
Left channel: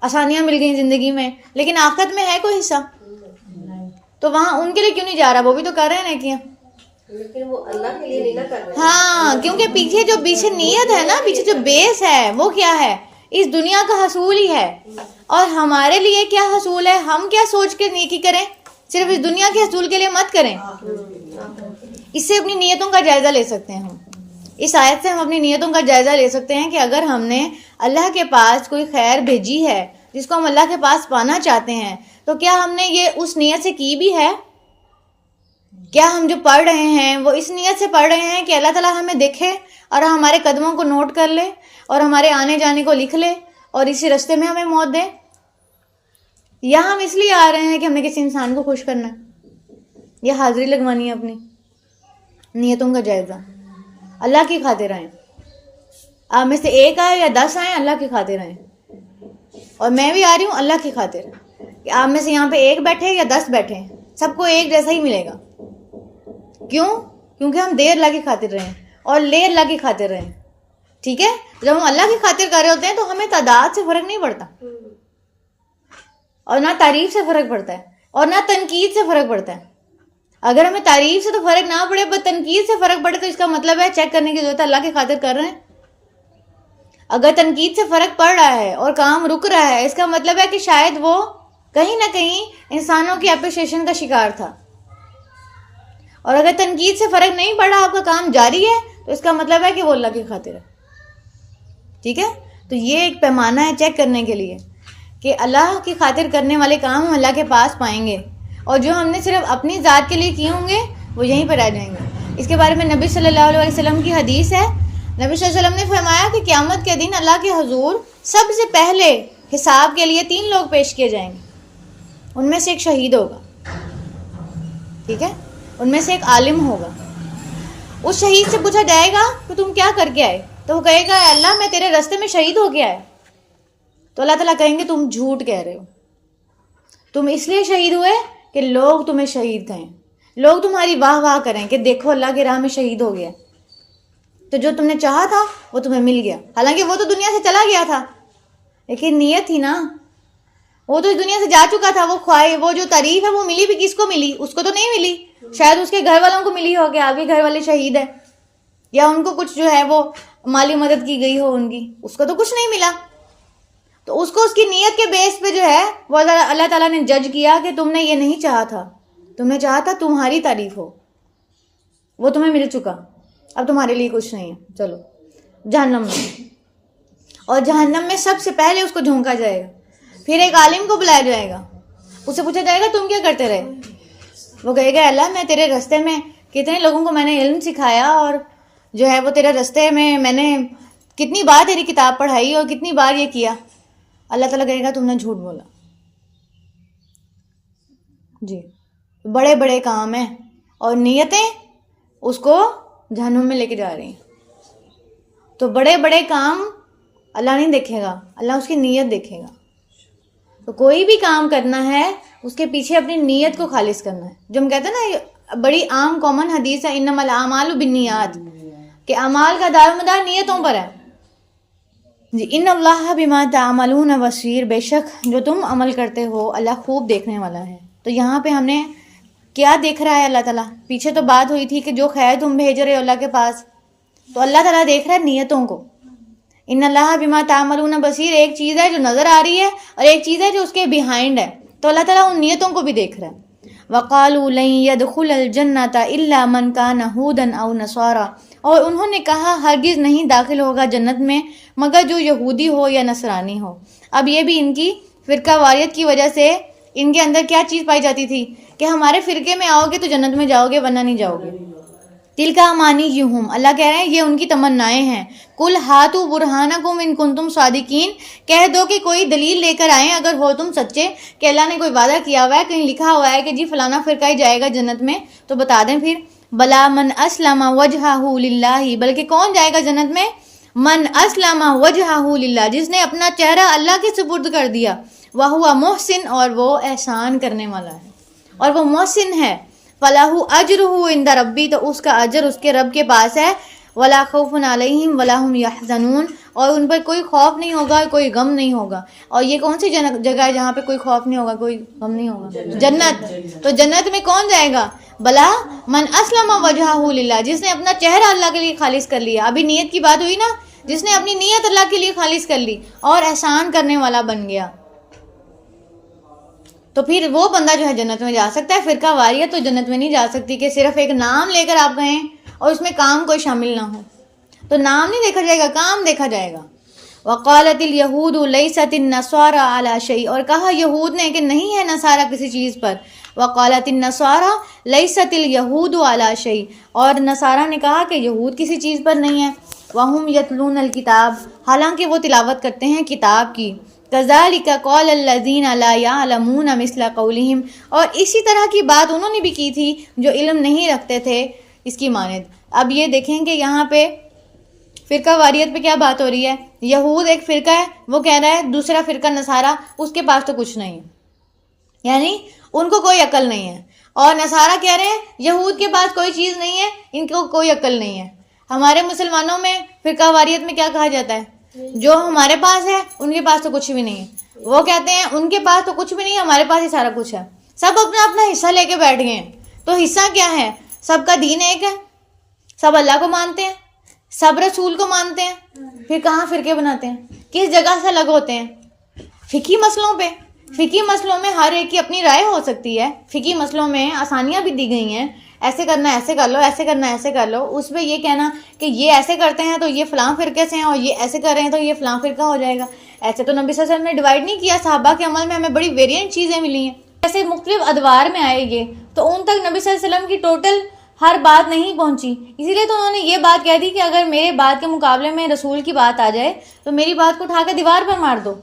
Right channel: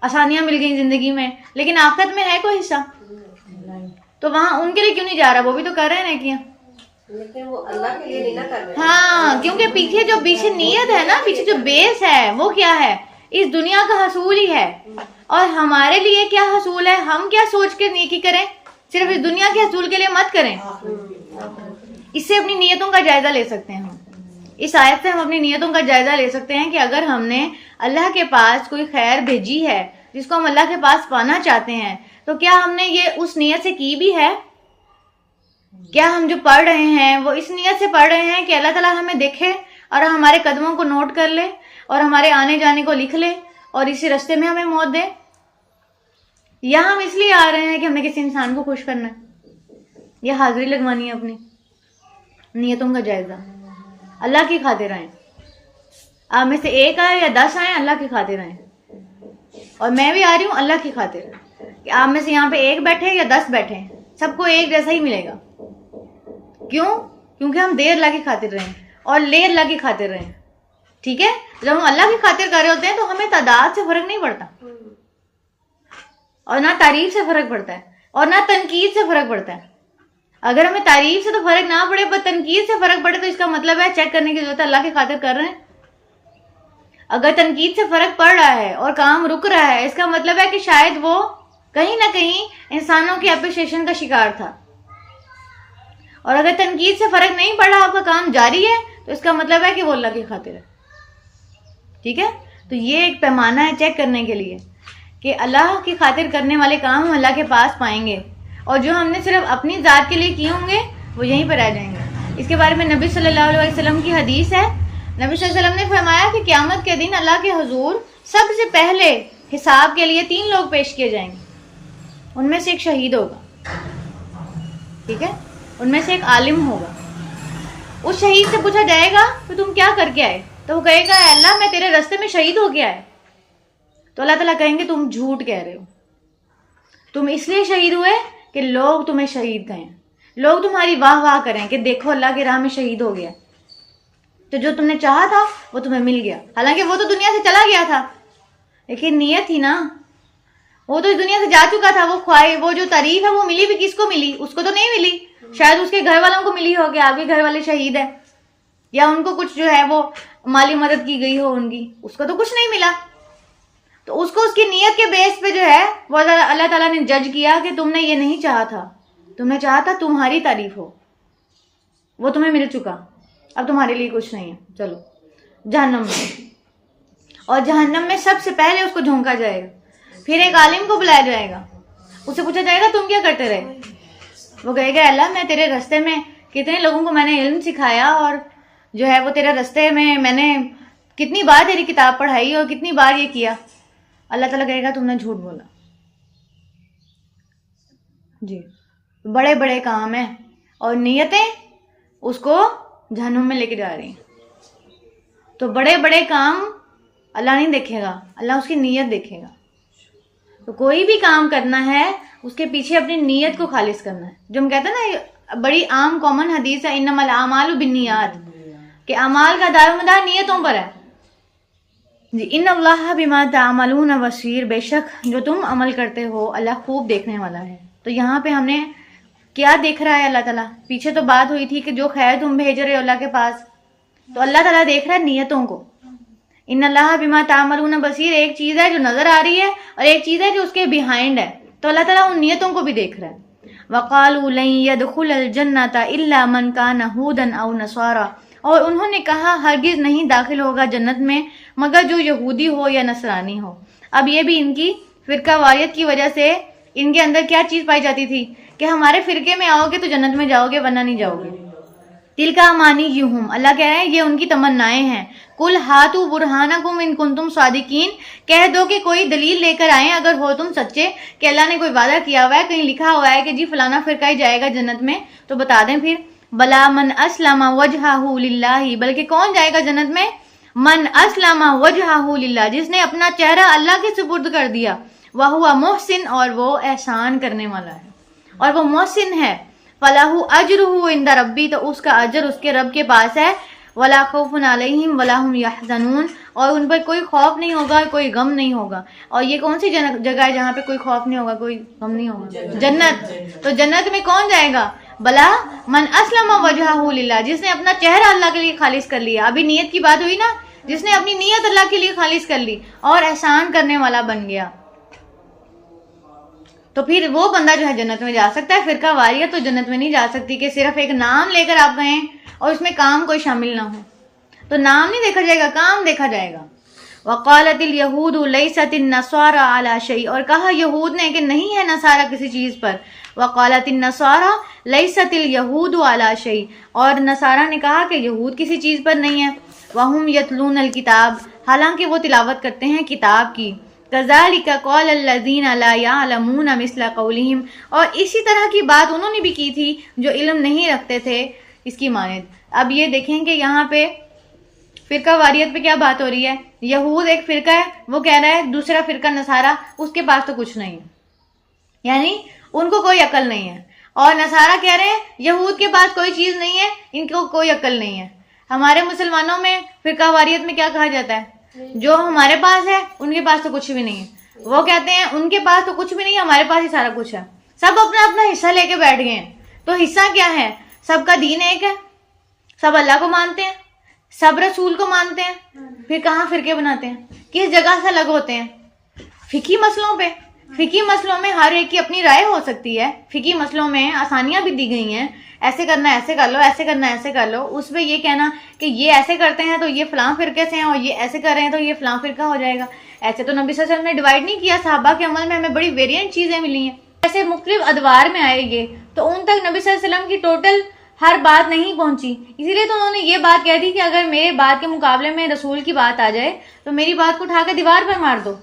آسانیاں مل گئیں زندگی میں، لیکن آخرت میں ہے کوئی حصہ؟ تو وہاں ان کے لیے کیوں نہیں جا رہا؟ وہ بھی تو کر رہے ہیں نیکیاں، لیکن وہ اللہ کے لیے نہیں نہ کر رہے. ہاں، کیونکہ پیچھے نیت ہے نا، پیچھے جو بیس ہے وہ کیا ہے؟ اس دنیا کا حصول ہی ہے. اور ہمارے لیے کیا حصول ہے؟ ہم کیا سوچ کے نیکی کریں؟ صرف اس دنیا کے حصول کے لیے مت کریں. اس سے اپنی نیتوں کا جائزہ لے سکتے ہیں ہم. اس آیت سے ہم اپنی نیتوں کا جائزہ لے سکتے ہیں کہ اگر ہم نے اللہ کے پاس کوئی خیر بھیجی ہے جس کو ہم اللہ کے پاس پانا چاہتے ہیں، تو کیا ہم نے یہ اس نیت سے کی بھی ہے؟ کیا ہم جو پڑھ رہے ہیں وہ اس نیت سے پڑھ رہے ہیں کہ اللہ تعالیٰ ہمیں دیکھے اور ہمارے قدموں کو نوٹ کر لے اور ہمارے آنے جانے کو لکھ لے اور اسی راستے میں ہمیں موت دے؟ یا ہم اس لیے آ رہے ہیں کہ ہمیں کسی انسان کو خوش کرنا ہے، یا حاضری لگوانی ہے اپنی؟ نیتوں کا جائزہ. اللہ کی خاطر آئیں. آپ میں سے ایک آئے یا 10 آئیں، اللہ کی خاطر آئیں. اور میں بھی آ رہی ہوں اللہ کی خاطر، کہ آپ میں سے یہاں پہ ایک بیٹھے یا 10 بیٹھے، سب کو ایک جیسا ہی ملے گا. کیوں؟ کیونکہ ہم دے اللہ کی خاطر رہیں اور لے اللہ کی خاطر رہیں. ٹھیک ہے؟ جب ہم اللہ کی خاطر کر رہے ہوتے ہیں تو ہمیں تعداد سے فرق نہیں پڑتا، اور نہ تعریف سے فرق پڑتا ہے، اور نہ تنقید سے فرق پڑتا ہے. اگر ہمیں تعریف سے تو فرق نہ پڑے پر تنقید سے فرق پڑے تو اس کا مطلب ہے چیک کرنے کی ضرورت ہے اللہ کی خاطر کر رہے ہیں. اگر تنقید سے فرق پڑ رہا ہے اور کام رک رہا ہے، اس کا مطلب ہے کہ شاید وہ کہیں نہ کہیں انسانوں کی اپریشیشن کا شکار تھا. اور اگر تنقید سے فرق نہیں پڑ رہا، آپ کا کام جاری ہے، تو اس کا مطلب ہے کہ وہ اللہ کی خاطر ہے. ٹھیک ہے؟ تو یہ ایک پیمانہ ہے چیک کرنے کے لیے کہ اللہ کی خاطر کرنے والے کام ہم اللہ کے پاس پائیں گے، اور جو ہم نے صرف اپنی ذات کے لیے کیے ہوں گے وہ یہیں پہ رہ جائیں گے. اس کے بارے میں نبی صلی اللہ علیہ وسلم کی حدیث ہے. نبی صلی اللہ علیہ وسلم نے فرمایا کہ قیامت کے دن اللہ کے حضور سب سے پہلے حساب کے لیے 3 لوگ پیش کیے جائیں گے. ان میں سے ایک شہید ہوگا. ٹھیک ہے؟ ان میں سے ایک عالم ہوگا. اس شہید سے پوچھا جائے گا کہ تم کیا کر کے آئے؟ تو وہ کہے گا اللہ میں تیرے راستے میں شہید ہو کے آئے. تو اللہ تعالیٰ کہیں گے تم جھوٹ کہہ رہے ہو، تم اس لیے شہید ہوئے کہ لوگ تمہیں شہید کہیں، لوگ تمہاری واہ واہ کریں کہ دیکھو اللہ کی راہ میں شہید ہو گیا. تو جو تم نے چاہا تھا وہ تمہیں مل گیا، حالانکہ وہ تو دنیا سے چلا گیا تھا، لیکن نیت تھی نا. وہ تو اس دنیا سے جا چکا تھا. وہ خواہش، وہ جو تعریف ہے وہ ملی بھی کس کو ملی؟ اس کو تو نہیں ملی. شاید اس کے گھر والوں کو ملی ہو کہ آپ کے گھر والے شہید ہیں، یا ان کو کچھ جو ہے وہ مالی مدد کی گئی ہو ان کی. اس کو تو کچھ نہیں ملا. تو اس کو اس کی نیت کے بیس پہ جو ہے وہ اللہ تعالیٰ نے جج کیا کہ تم نے یہ نہیں چاہا تھا، تم نے چاہا تھا تمہاری تعریف ہو. وہ تمہیں مل چکا، اب تمہارے لیے کچھ نہیں ہے، چلو جہنم میں. اور جہنم میں سب سے پہلے اس کو جھونکا جائے گا. پھر ایک عالم کو بلایا جائے گا، اس سے پوچھا جائے گا تم کیا کرتے رہے؟ وہ کہے گا اللہ میں تیرے راستے میں کتنے لوگوں کو میں نے علم سکھایا، اور جو ہے وہ تیرے راستے میں نے کتنی بار تیری کتاب پڑھائی اور کتنی بار یہ کیا. اللہ تعالیٰ کہے گا تم نے جھوٹ بولا. جی، بڑے بڑے کام ہیں اور نیتیں اس کو جہنم میں لے کے جا رہی ہیں. تو بڑے بڑے کام اللہ نہیں دیکھے گا، اللہ اس کی نیت دیکھے گا. تو کوئی بھی کام کرنا ہے اس کے پیچھے اپنی نیت کو خالص کرنا ہے. جو ہم کہتے ہیں نا، بڑی عام کامن حدیث ہے انما الاعمال بالنیات، کہ اعمال کا دار و مدار نیتوں پر ہے. جی، ان اللہ بما تعملون بصیر، بے شک جو تم عمل کرتے ہو اللہ خوب دیکھنے والا ہے. تو یہاں پہ ہم نے کیا دیکھ رہا ہے اللہ تعالیٰ؟ پیچھے تو بات ہوئی تھی کہ جو خیر تم بھیج رہے ہو اللہ کے پاس، تو اللہ تعالیٰ دیکھ رہا ہے نیتوں کو. ان اللہ بما تعملون بصیر، ایک چیز ہے جو نظر آ رہی ہے اور ایک چیز ہے جو اس کے بیہائنڈ ہے. تو اللہ تعالیٰ ان نیتوں کو بھی دیکھ رہا ہے. وَقَالُوا لَن يَدْخُلَ الْجَنَّةَ إِلَّا مَنْ كَانَ هُودًا أَوْ نَصَارَىٰ، اور انہوں نے کہا ہرگز نہیں داخل ہوگا جنت میں مگر جو یہودی ہو یا نصرانی ہو. اب یہ بھی ان کی فرقہ واریت کی وجہ سے ان کے اندر کیا چیز پائی جاتی تھی کہ ہمارے فرقے میں آؤ گے تو جنت میں جاؤ گے ورنہ نہیں جاؤ گے. تلک امانیہم، اللہ کہہ رہے ہیں یہ ان کی تمنائیں ہیں. قل ہاتوا برہانکم ان کنتم صادقین، کہہ دو کہ کوئی دلیل لے کر آئیں اگر ہو تم سچے کہ اللہ نے کوئی وعدہ کیا ہوا ہے، کہیں لکھا ہوا ہے کہ جی فلانا فرقہ ہی جائے گا جنت میں، تو بتا دیں پھر. بلا من اسلم وجہہ للہ، بلکہ کون جائے گا جنت میں؟ من اسلم وجہہ للہ، جس نے اپنا چہرہ اللہ کے سپرد کر دیا. وہو محسن، اور وہ احسان کرنے والا ہے، اور وہ محسن ہے. فَلَهُ أَجْرُهُ عِنْدَ رَبِّي، تو اس کا اجر اس کے رب کے پاس ہے، وَلَا خَوْفٌ عَلَيْهِمْ وَلَا هُمْ يَحْزَنُونَ، اور ان پر کوئی خوف نہیں ہوگا، کوئی غم نہیں ہوگا. اور یہ کون سی جگہ ہے جہاں پہ کوئی خوف نہیں ہوگا، کوئی غم نہیں ہوگا؟ جنت. تو جنت میں کون جائے گا؟ بلا من اسلم وجہہ للہ، جس نے اپنا چہرہ اللہ کے لیے خالص کر لیا. ابھی نیت کی بات ہوئی نا، جس نے اپنی نیت اللہ کے لیے خالص کر لی اور احسان کرنے والا بن گیا، تو پھر وہ بندہ جو ہے جنت میں جا سکتا ہے. فرقہ واریت تو جنت میں نہیں جا سکتی کہ صرف ایک نام لے کر آپ گئیں اور اس میں کام کوئی شامل نہ ہو. تو نام نہیں دیکھا جائے گا، کام دیکھا جائے گا. وقالت الیہود لیست النصارى علی شیء، اور کہا یہود نے کہ نہیں ہے نصارہ کسی چیز پر. وقالت النصارى لیست الیہود علی شیء، اور نصارہ نے کہا کہ یہود کسی چیز پر نہیں ہے. وہم یتلون الکتاب، حالانکہ وہ تلاوت کرتے ہیں کتاب کی. کذالک قال الذین لا یعلمون مثل قولہم، اور اسی طرح کی بات انہوں نے بھی کی تھی جو علم نہیں رکھتے تھے اس کی مانند. اب یہ دیکھیں کہ یہاں پہ فرقہ واریت پہ کیا بات ہو رہی ہے. یہود ایک فرقہ ہے، وہ کہہ رہا ہے دوسرا فرقہ نصارہ، اس کے پاس تو کچھ نہیں ہے، یعنی ان کو کوئی عقل نہیں ہے. اور نصارہ کہہ رہے ہیں یہود کے پاس کوئی چیز نہیں ہے، ان کو کوئی عقل نہیں ہے. ہمارے مسلمانوں میں فرقہ واریت میں کیا کہا جاتا ہے؟ جو ہمارے پاس ہے ان کے پاس تو کچھ بھی نہیں ہے. وہ کہتے ہیں ان کے پاس تو کچھ بھی نہیں ہے، ہمارے پاس ہی سارا کچھ ہے. سب اپنا اپنا حصہ لے کے بیٹھ گئے ہیں. تو حصہ کیا ہے؟ سب کا دین ایک ہے، سب اللہ کو مانتے ہیں، سب رسول کو مانتے ہیں. پھر کہاں فرقے بناتے ہیں؟ کس جگہ سے الگ ہوتے ہیں؟ فقہی مسئلوں پہ. فقہی مسئلوں میں ہر ایک کی اپنی رائے ہو سکتی ہے. فقہی مسئلوں میں آسانیاں بھی دی گئی ہیں، ایسے کرنا ایسے کر لو، ایسے کرنا ایسے کر لو. اس پہ یہ کہنا کہ یہ ایسے کرتے ہیں تو یہ فلاں فرقے سے ہیں، اور یہ ایسے کر رہے ہیں تو یہ فلاں فرقہ ہو جائے گا. ایسے تو نبی صلی اللہ علیہ وسلم نے ڈیوائڈ نہیں کیا. صحابہ کے عمل میں ہمیں بڑی ویریئنٹ چیزیں ملی ہیں. ایسے مختلف ادوار میں آئے گے تو ان تک نبی صلی اللہ علیہ وسلم کی ٹوٹل ہر بات نہیں پہنچی. اسی لیے تو انہوں نے یہ بات کہہ دی کہ اگر میرے بات کے مقابلے میں رسول کی بات آ جائے تو میری بات کو اٹھا کے دیوار پر مار دو.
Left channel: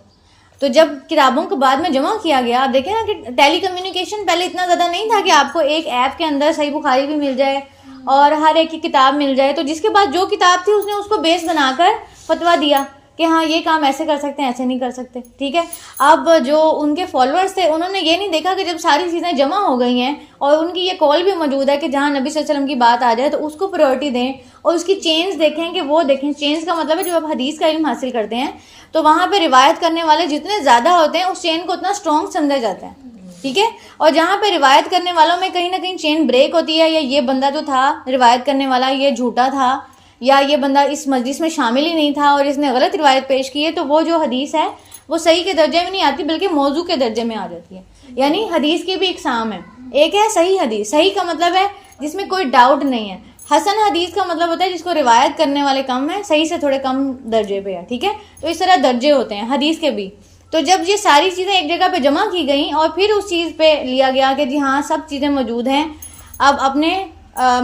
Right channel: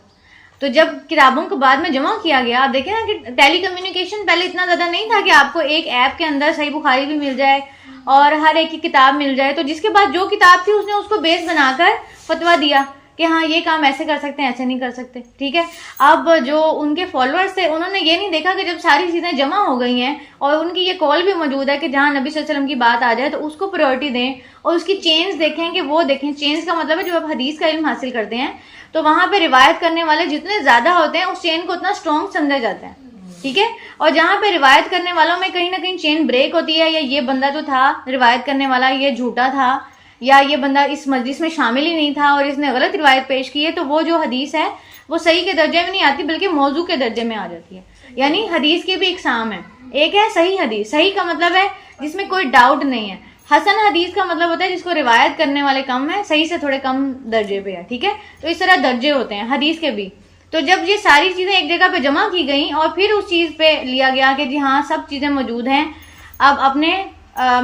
تو جب کتابوں کو بعد میں جمع کیا گیا، آپ دیکھیں نا کہ ٹیلی کمیونیکیشن پہلے اتنا زیادہ نہیں تھا کہ آپ کو ایک ایپ کے اندر صحیح بخاری بھی مل جائے اور ہر ایک کی کتاب مل جائے. تو جس کے پاس جو کتاب تھی اس نے اس کو بیس بنا کر فتویٰ دیا کہ ہاں یہ کام ایسے کر سکتے ہیں، ایسے نہیں کر سکتے. ٹھیک ہے. اب جو ان کے فالوورز تھے انہوں نے یہ نہیں دیکھا کہ جب ساری چیزیں جمع ہو گئی ہیں اور ان کی یہ کال بھی موجود ہے کہ جہاں نبی صلی اللہ علیہ وسلم کی بات آ جائے تو اس کو پریورٹی دیں اور اس کی چینز دیکھیں کہ وہ دیکھیں. چینز کا مطلب ہے جب آپ حدیث کا علم حاصل کرتے ہیں تو وہاں پہ روایت کرنے والے جتنے زیادہ ہوتے ہیں اس چین کو اتنا اسٹرانگ سمجھا جاتا ہے. ٹھیک ہے. اور جہاں پہ روایت کرنے والوں میں کہیں نہ کہیں چین بریک ہوتی ہے، یا یہ بندہ جو تھا روایت کرنے والا یہ جھوٹا تھا، یا یہ بندہ اس مجلس میں شامل ہی نہیں تھا اور اس نے غلط روایت پیش کی ہے، تو وہ جو حدیث ہے وہ صحیح کے درجے میں نہیں آتی بلکہ موضوع کے درجے میں آ جاتی ہے. یعنی حدیث کی بھی اقسام ہے. ایک ہے صحیح حدیث. صحیح کا مطلب ہے جس میں کوئی ڈاؤٹ نہیں ہے. حسن حدیث کا مطلب ہوتا ہے جس کو روایت کرنے والے کم ہیں، صحیح سے تھوڑے کم درجے پہ ہے. ٹھیک ہے. تو اس طرح درجے ہوتے ہیں حدیث کے بھی. تو جب یہ ساری چیزیں ایک جگہ پہ جمع کی گئیں اور پھر اس چیز پہ لیا گیا کہ جی ہاں سب چیزیں موجود ہیں، اب اپنے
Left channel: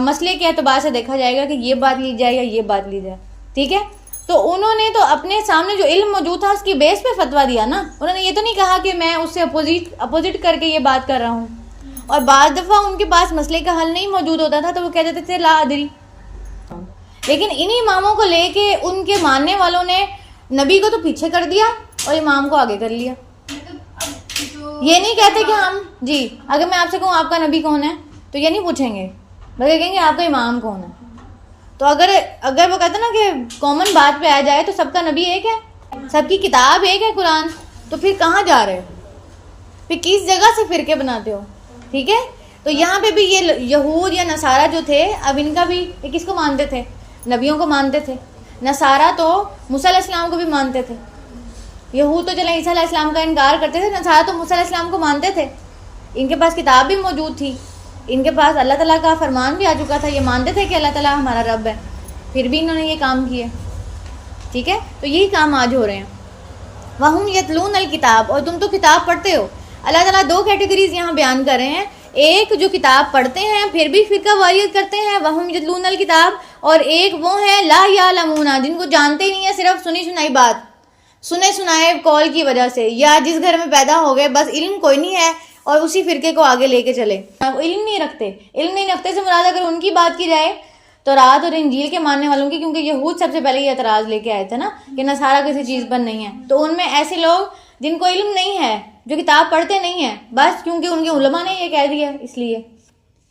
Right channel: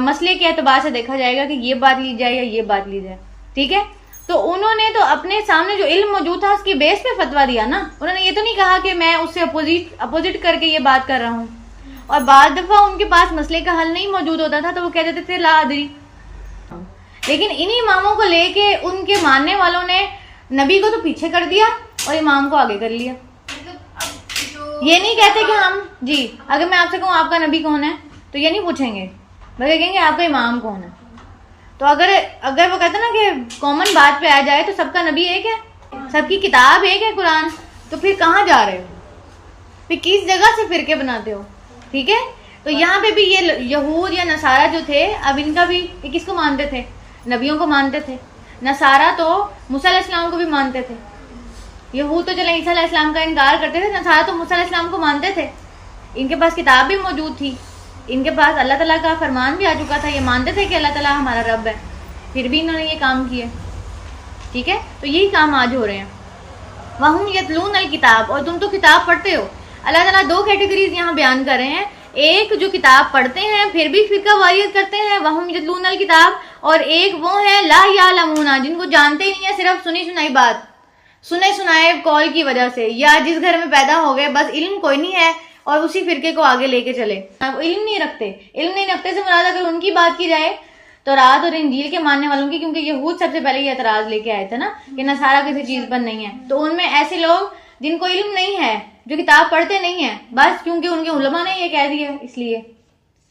مسئلے کے اعتبار سے دیکھا جائے گا کہ یہ بات لی جائے یا یہ بات لی جائے. ٹھیک ہے. تو انہوں نے تو اپنے سامنے جو علم موجود تھا اس کی بیس پہ فتویٰ دیا نا. انہوں نے یہ تو نہیں کہا کہ میں اس سے اپوزٹ کر کے یہ بات کر رہا ہوں. اور بعض دفعہ ان کے پاس مسئلے کا حل نہیں موجود ہوتا تھا تو وہ کہہ دیتے تھے لا ادری. لیکن انہی اماموں کو لے کے ان کے ماننے والوں نے نبی کو تو پیچھے کر دیا اور امام کو آگے کر لیا. یہ نہیں کہتے کہ ہم جی اگر میں آپ سے کہوں آپ کا نبی کون ہے تو یہ نہیں پوچھیں گے بلکہ کہیں گے آپ کا امام کون ہے. تو اگر وہ کہتے ہیں نا کہ کامن بات پہ آ جائے تو سب کا نبی ایک ہے، سب کی کتاب ایک ہے قرآن، تو پھر کہاں جا رہے ہو؟ پھر کس جگہ سے فرقے بناتے ہو؟ ٹھیک ہے. تو یہاں پہ بھی یہ یہود یا نصارہ جو تھے، اب ان کا بھی یہ کس کو مانتے تھے؟ نبیوں کو مانتے تھے. نصارہ تو موسیٰ علیہ السلام کو بھی مانتے تھے. یہود تو چلیں عیسیٰ علیہ السلام کا انکار کرتے تھے، نصارہ تو موسیٰ علیہ السلام کو مانتے تھے. ان کے پاس کتاب بھی موجود تھی، ان کے پاس اللہ تعالیٰ کا فرمان بھی آ چکا تھا، یہ مانتے تھے کہ اللہ تعالیٰ ہمارا رب ہے، پھر بھی انہوں نے یہ کام کیے. ٹھیک ہے. تو یہی کام آج ہو رہے ہیں. وَهُمْ يَتْلُونَ الْكِتَابَ، اور تم تو کتاب پڑھتے ہو. اللہ تعالیٰ دو کیٹیگریز یہاں بیان کر رہے ہیں. ایک جو کتاب پڑھتے ہیں پھر بھی فرقہ واریت کرتے ہیں وَهُمْ يَتْلُونَ الْكِتَابَ، اور ایک وہ ہیں لا یعلمون جن کو جانتے ہی نہیں ہے، صرف سنی سنائی بات، سنے سنائے کال کی وجہ سے، یا جس گھر میں پیدا ہو گئے بس علم کوئی نہیں ہے اور اسی فرقے کو آگے لے کے چلے. وہ علم نہیں رکھتے. علم نہیں رکھتے سے مراد اگر ان کی بات کی جائے تو رات اور انجیل کے ماننے والوں کی، کیونکہ یہود سب سے پہلے یہ اعتراض لے کے آئے تھے نا کہ نصارہ کسی چیز پر نہیں ہے. تو ان میں ایسے لوگ جن کو علم نہیں ہے، جو کتاب پڑھتے نہیں ہیں، بس کیونکہ ان کے علماء نے یہ کہہ دیا اس لیے.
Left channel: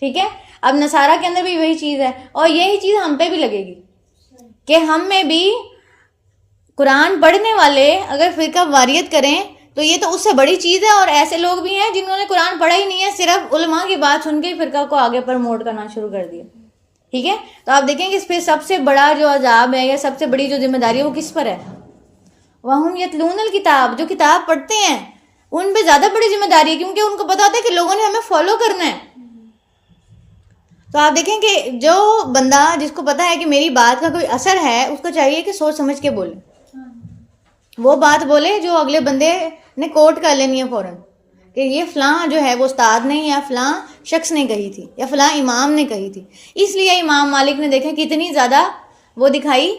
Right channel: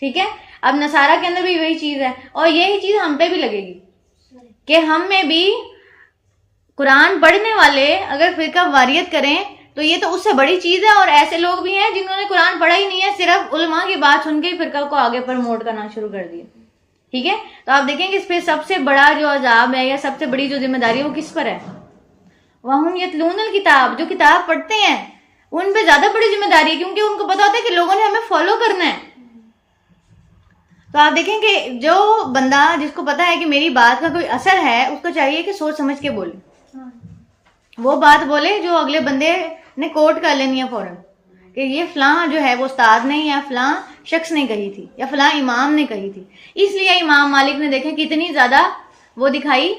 ٹھیک ہے. اب نصارہ کے اندر بھی وہی چیز ہے اور یہی چیز ہم پہ بھی لگے گی کہ ہم میں بھی قرآن پڑھنے والے اگر فرقہ واریت کریں تو یہ تو اس سے بڑی چیز ہے. اور ایسے لوگ بھی ہیں جنہوں نے قرآن پڑھا ہی نہیں ہے, صرف علماء کی بات سن کے فرقہ کو آگے پروموٹ کرنا شروع کر دیا. ٹھیک ہے, تو آپ دیکھیں کہ اس پہ سب سے بڑا جو عذاب ہے یا سب سے بڑی جو ذمہ داری ہے وہ کس پر ہے؟ وَهُمْ يَتْلُونَ الْكِتَابَ, جو کتاب پڑھتے ہیں ان پہ زیادہ بڑی ذمہ داری ہے, کیونکہ ان کو پتا ہوتا ہے کہ لوگوں نے ہمیں فالو کرنا ہے. تو آپ دیکھیں کہ جو بندہ جس کو پتا ہے کہ میری بات کا کوئی اثر ہے اس کو چاہیے کہ سوچ سمجھ کے بولے, وہ بات بولے جو اگلے بندے نے کوٹ کر لینی ہے فوراً کہ یہ فلاں جو ہے وہ استاد نے یا فلاں شخص نے کہی تھی یا فلاں امام نے کہی تھی. اس لیے امام مالک نے دیکھیں کتنی زیادہ وہ دکھائی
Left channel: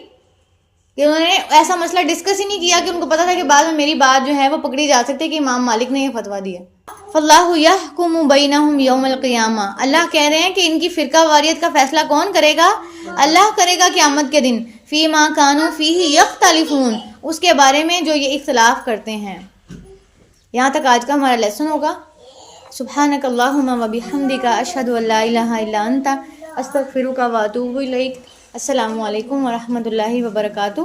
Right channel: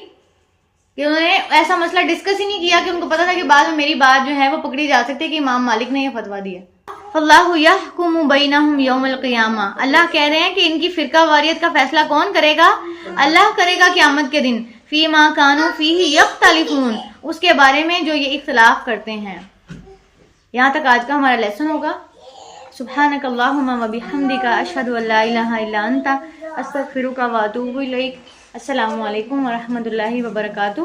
کہ انہوں نے ایسا مسئلہ ڈسکس ہی نہیں کیا کہ ان کو پتا تھا کہ بعد میں میری بات جو ہے وہ پکڑی جا سکتی ہے کہ امام مالک نے یہ فتویٰ دیا. فاللہ یحکم بینہم یوم القیامہ, اللہ کہہ رہے ہیں کہ ان کی فرقہ واریت کا فیصلہ کون کرے گا؟ اللہ کرے گا قیامت کے دن. فیما کانوا فیہ یختلفون, اس کے بارے میں جو یہ اختلاف کرتے ہیں. یہاں تک آج کا ہمارا لیسن ہوگا. سبحانک اللہم و بحمدک اشہد ان لا الہ الا انت استغفرک و اتوب الیک. السلام علیکم ورحمۃ اللہ وبرکاتہ.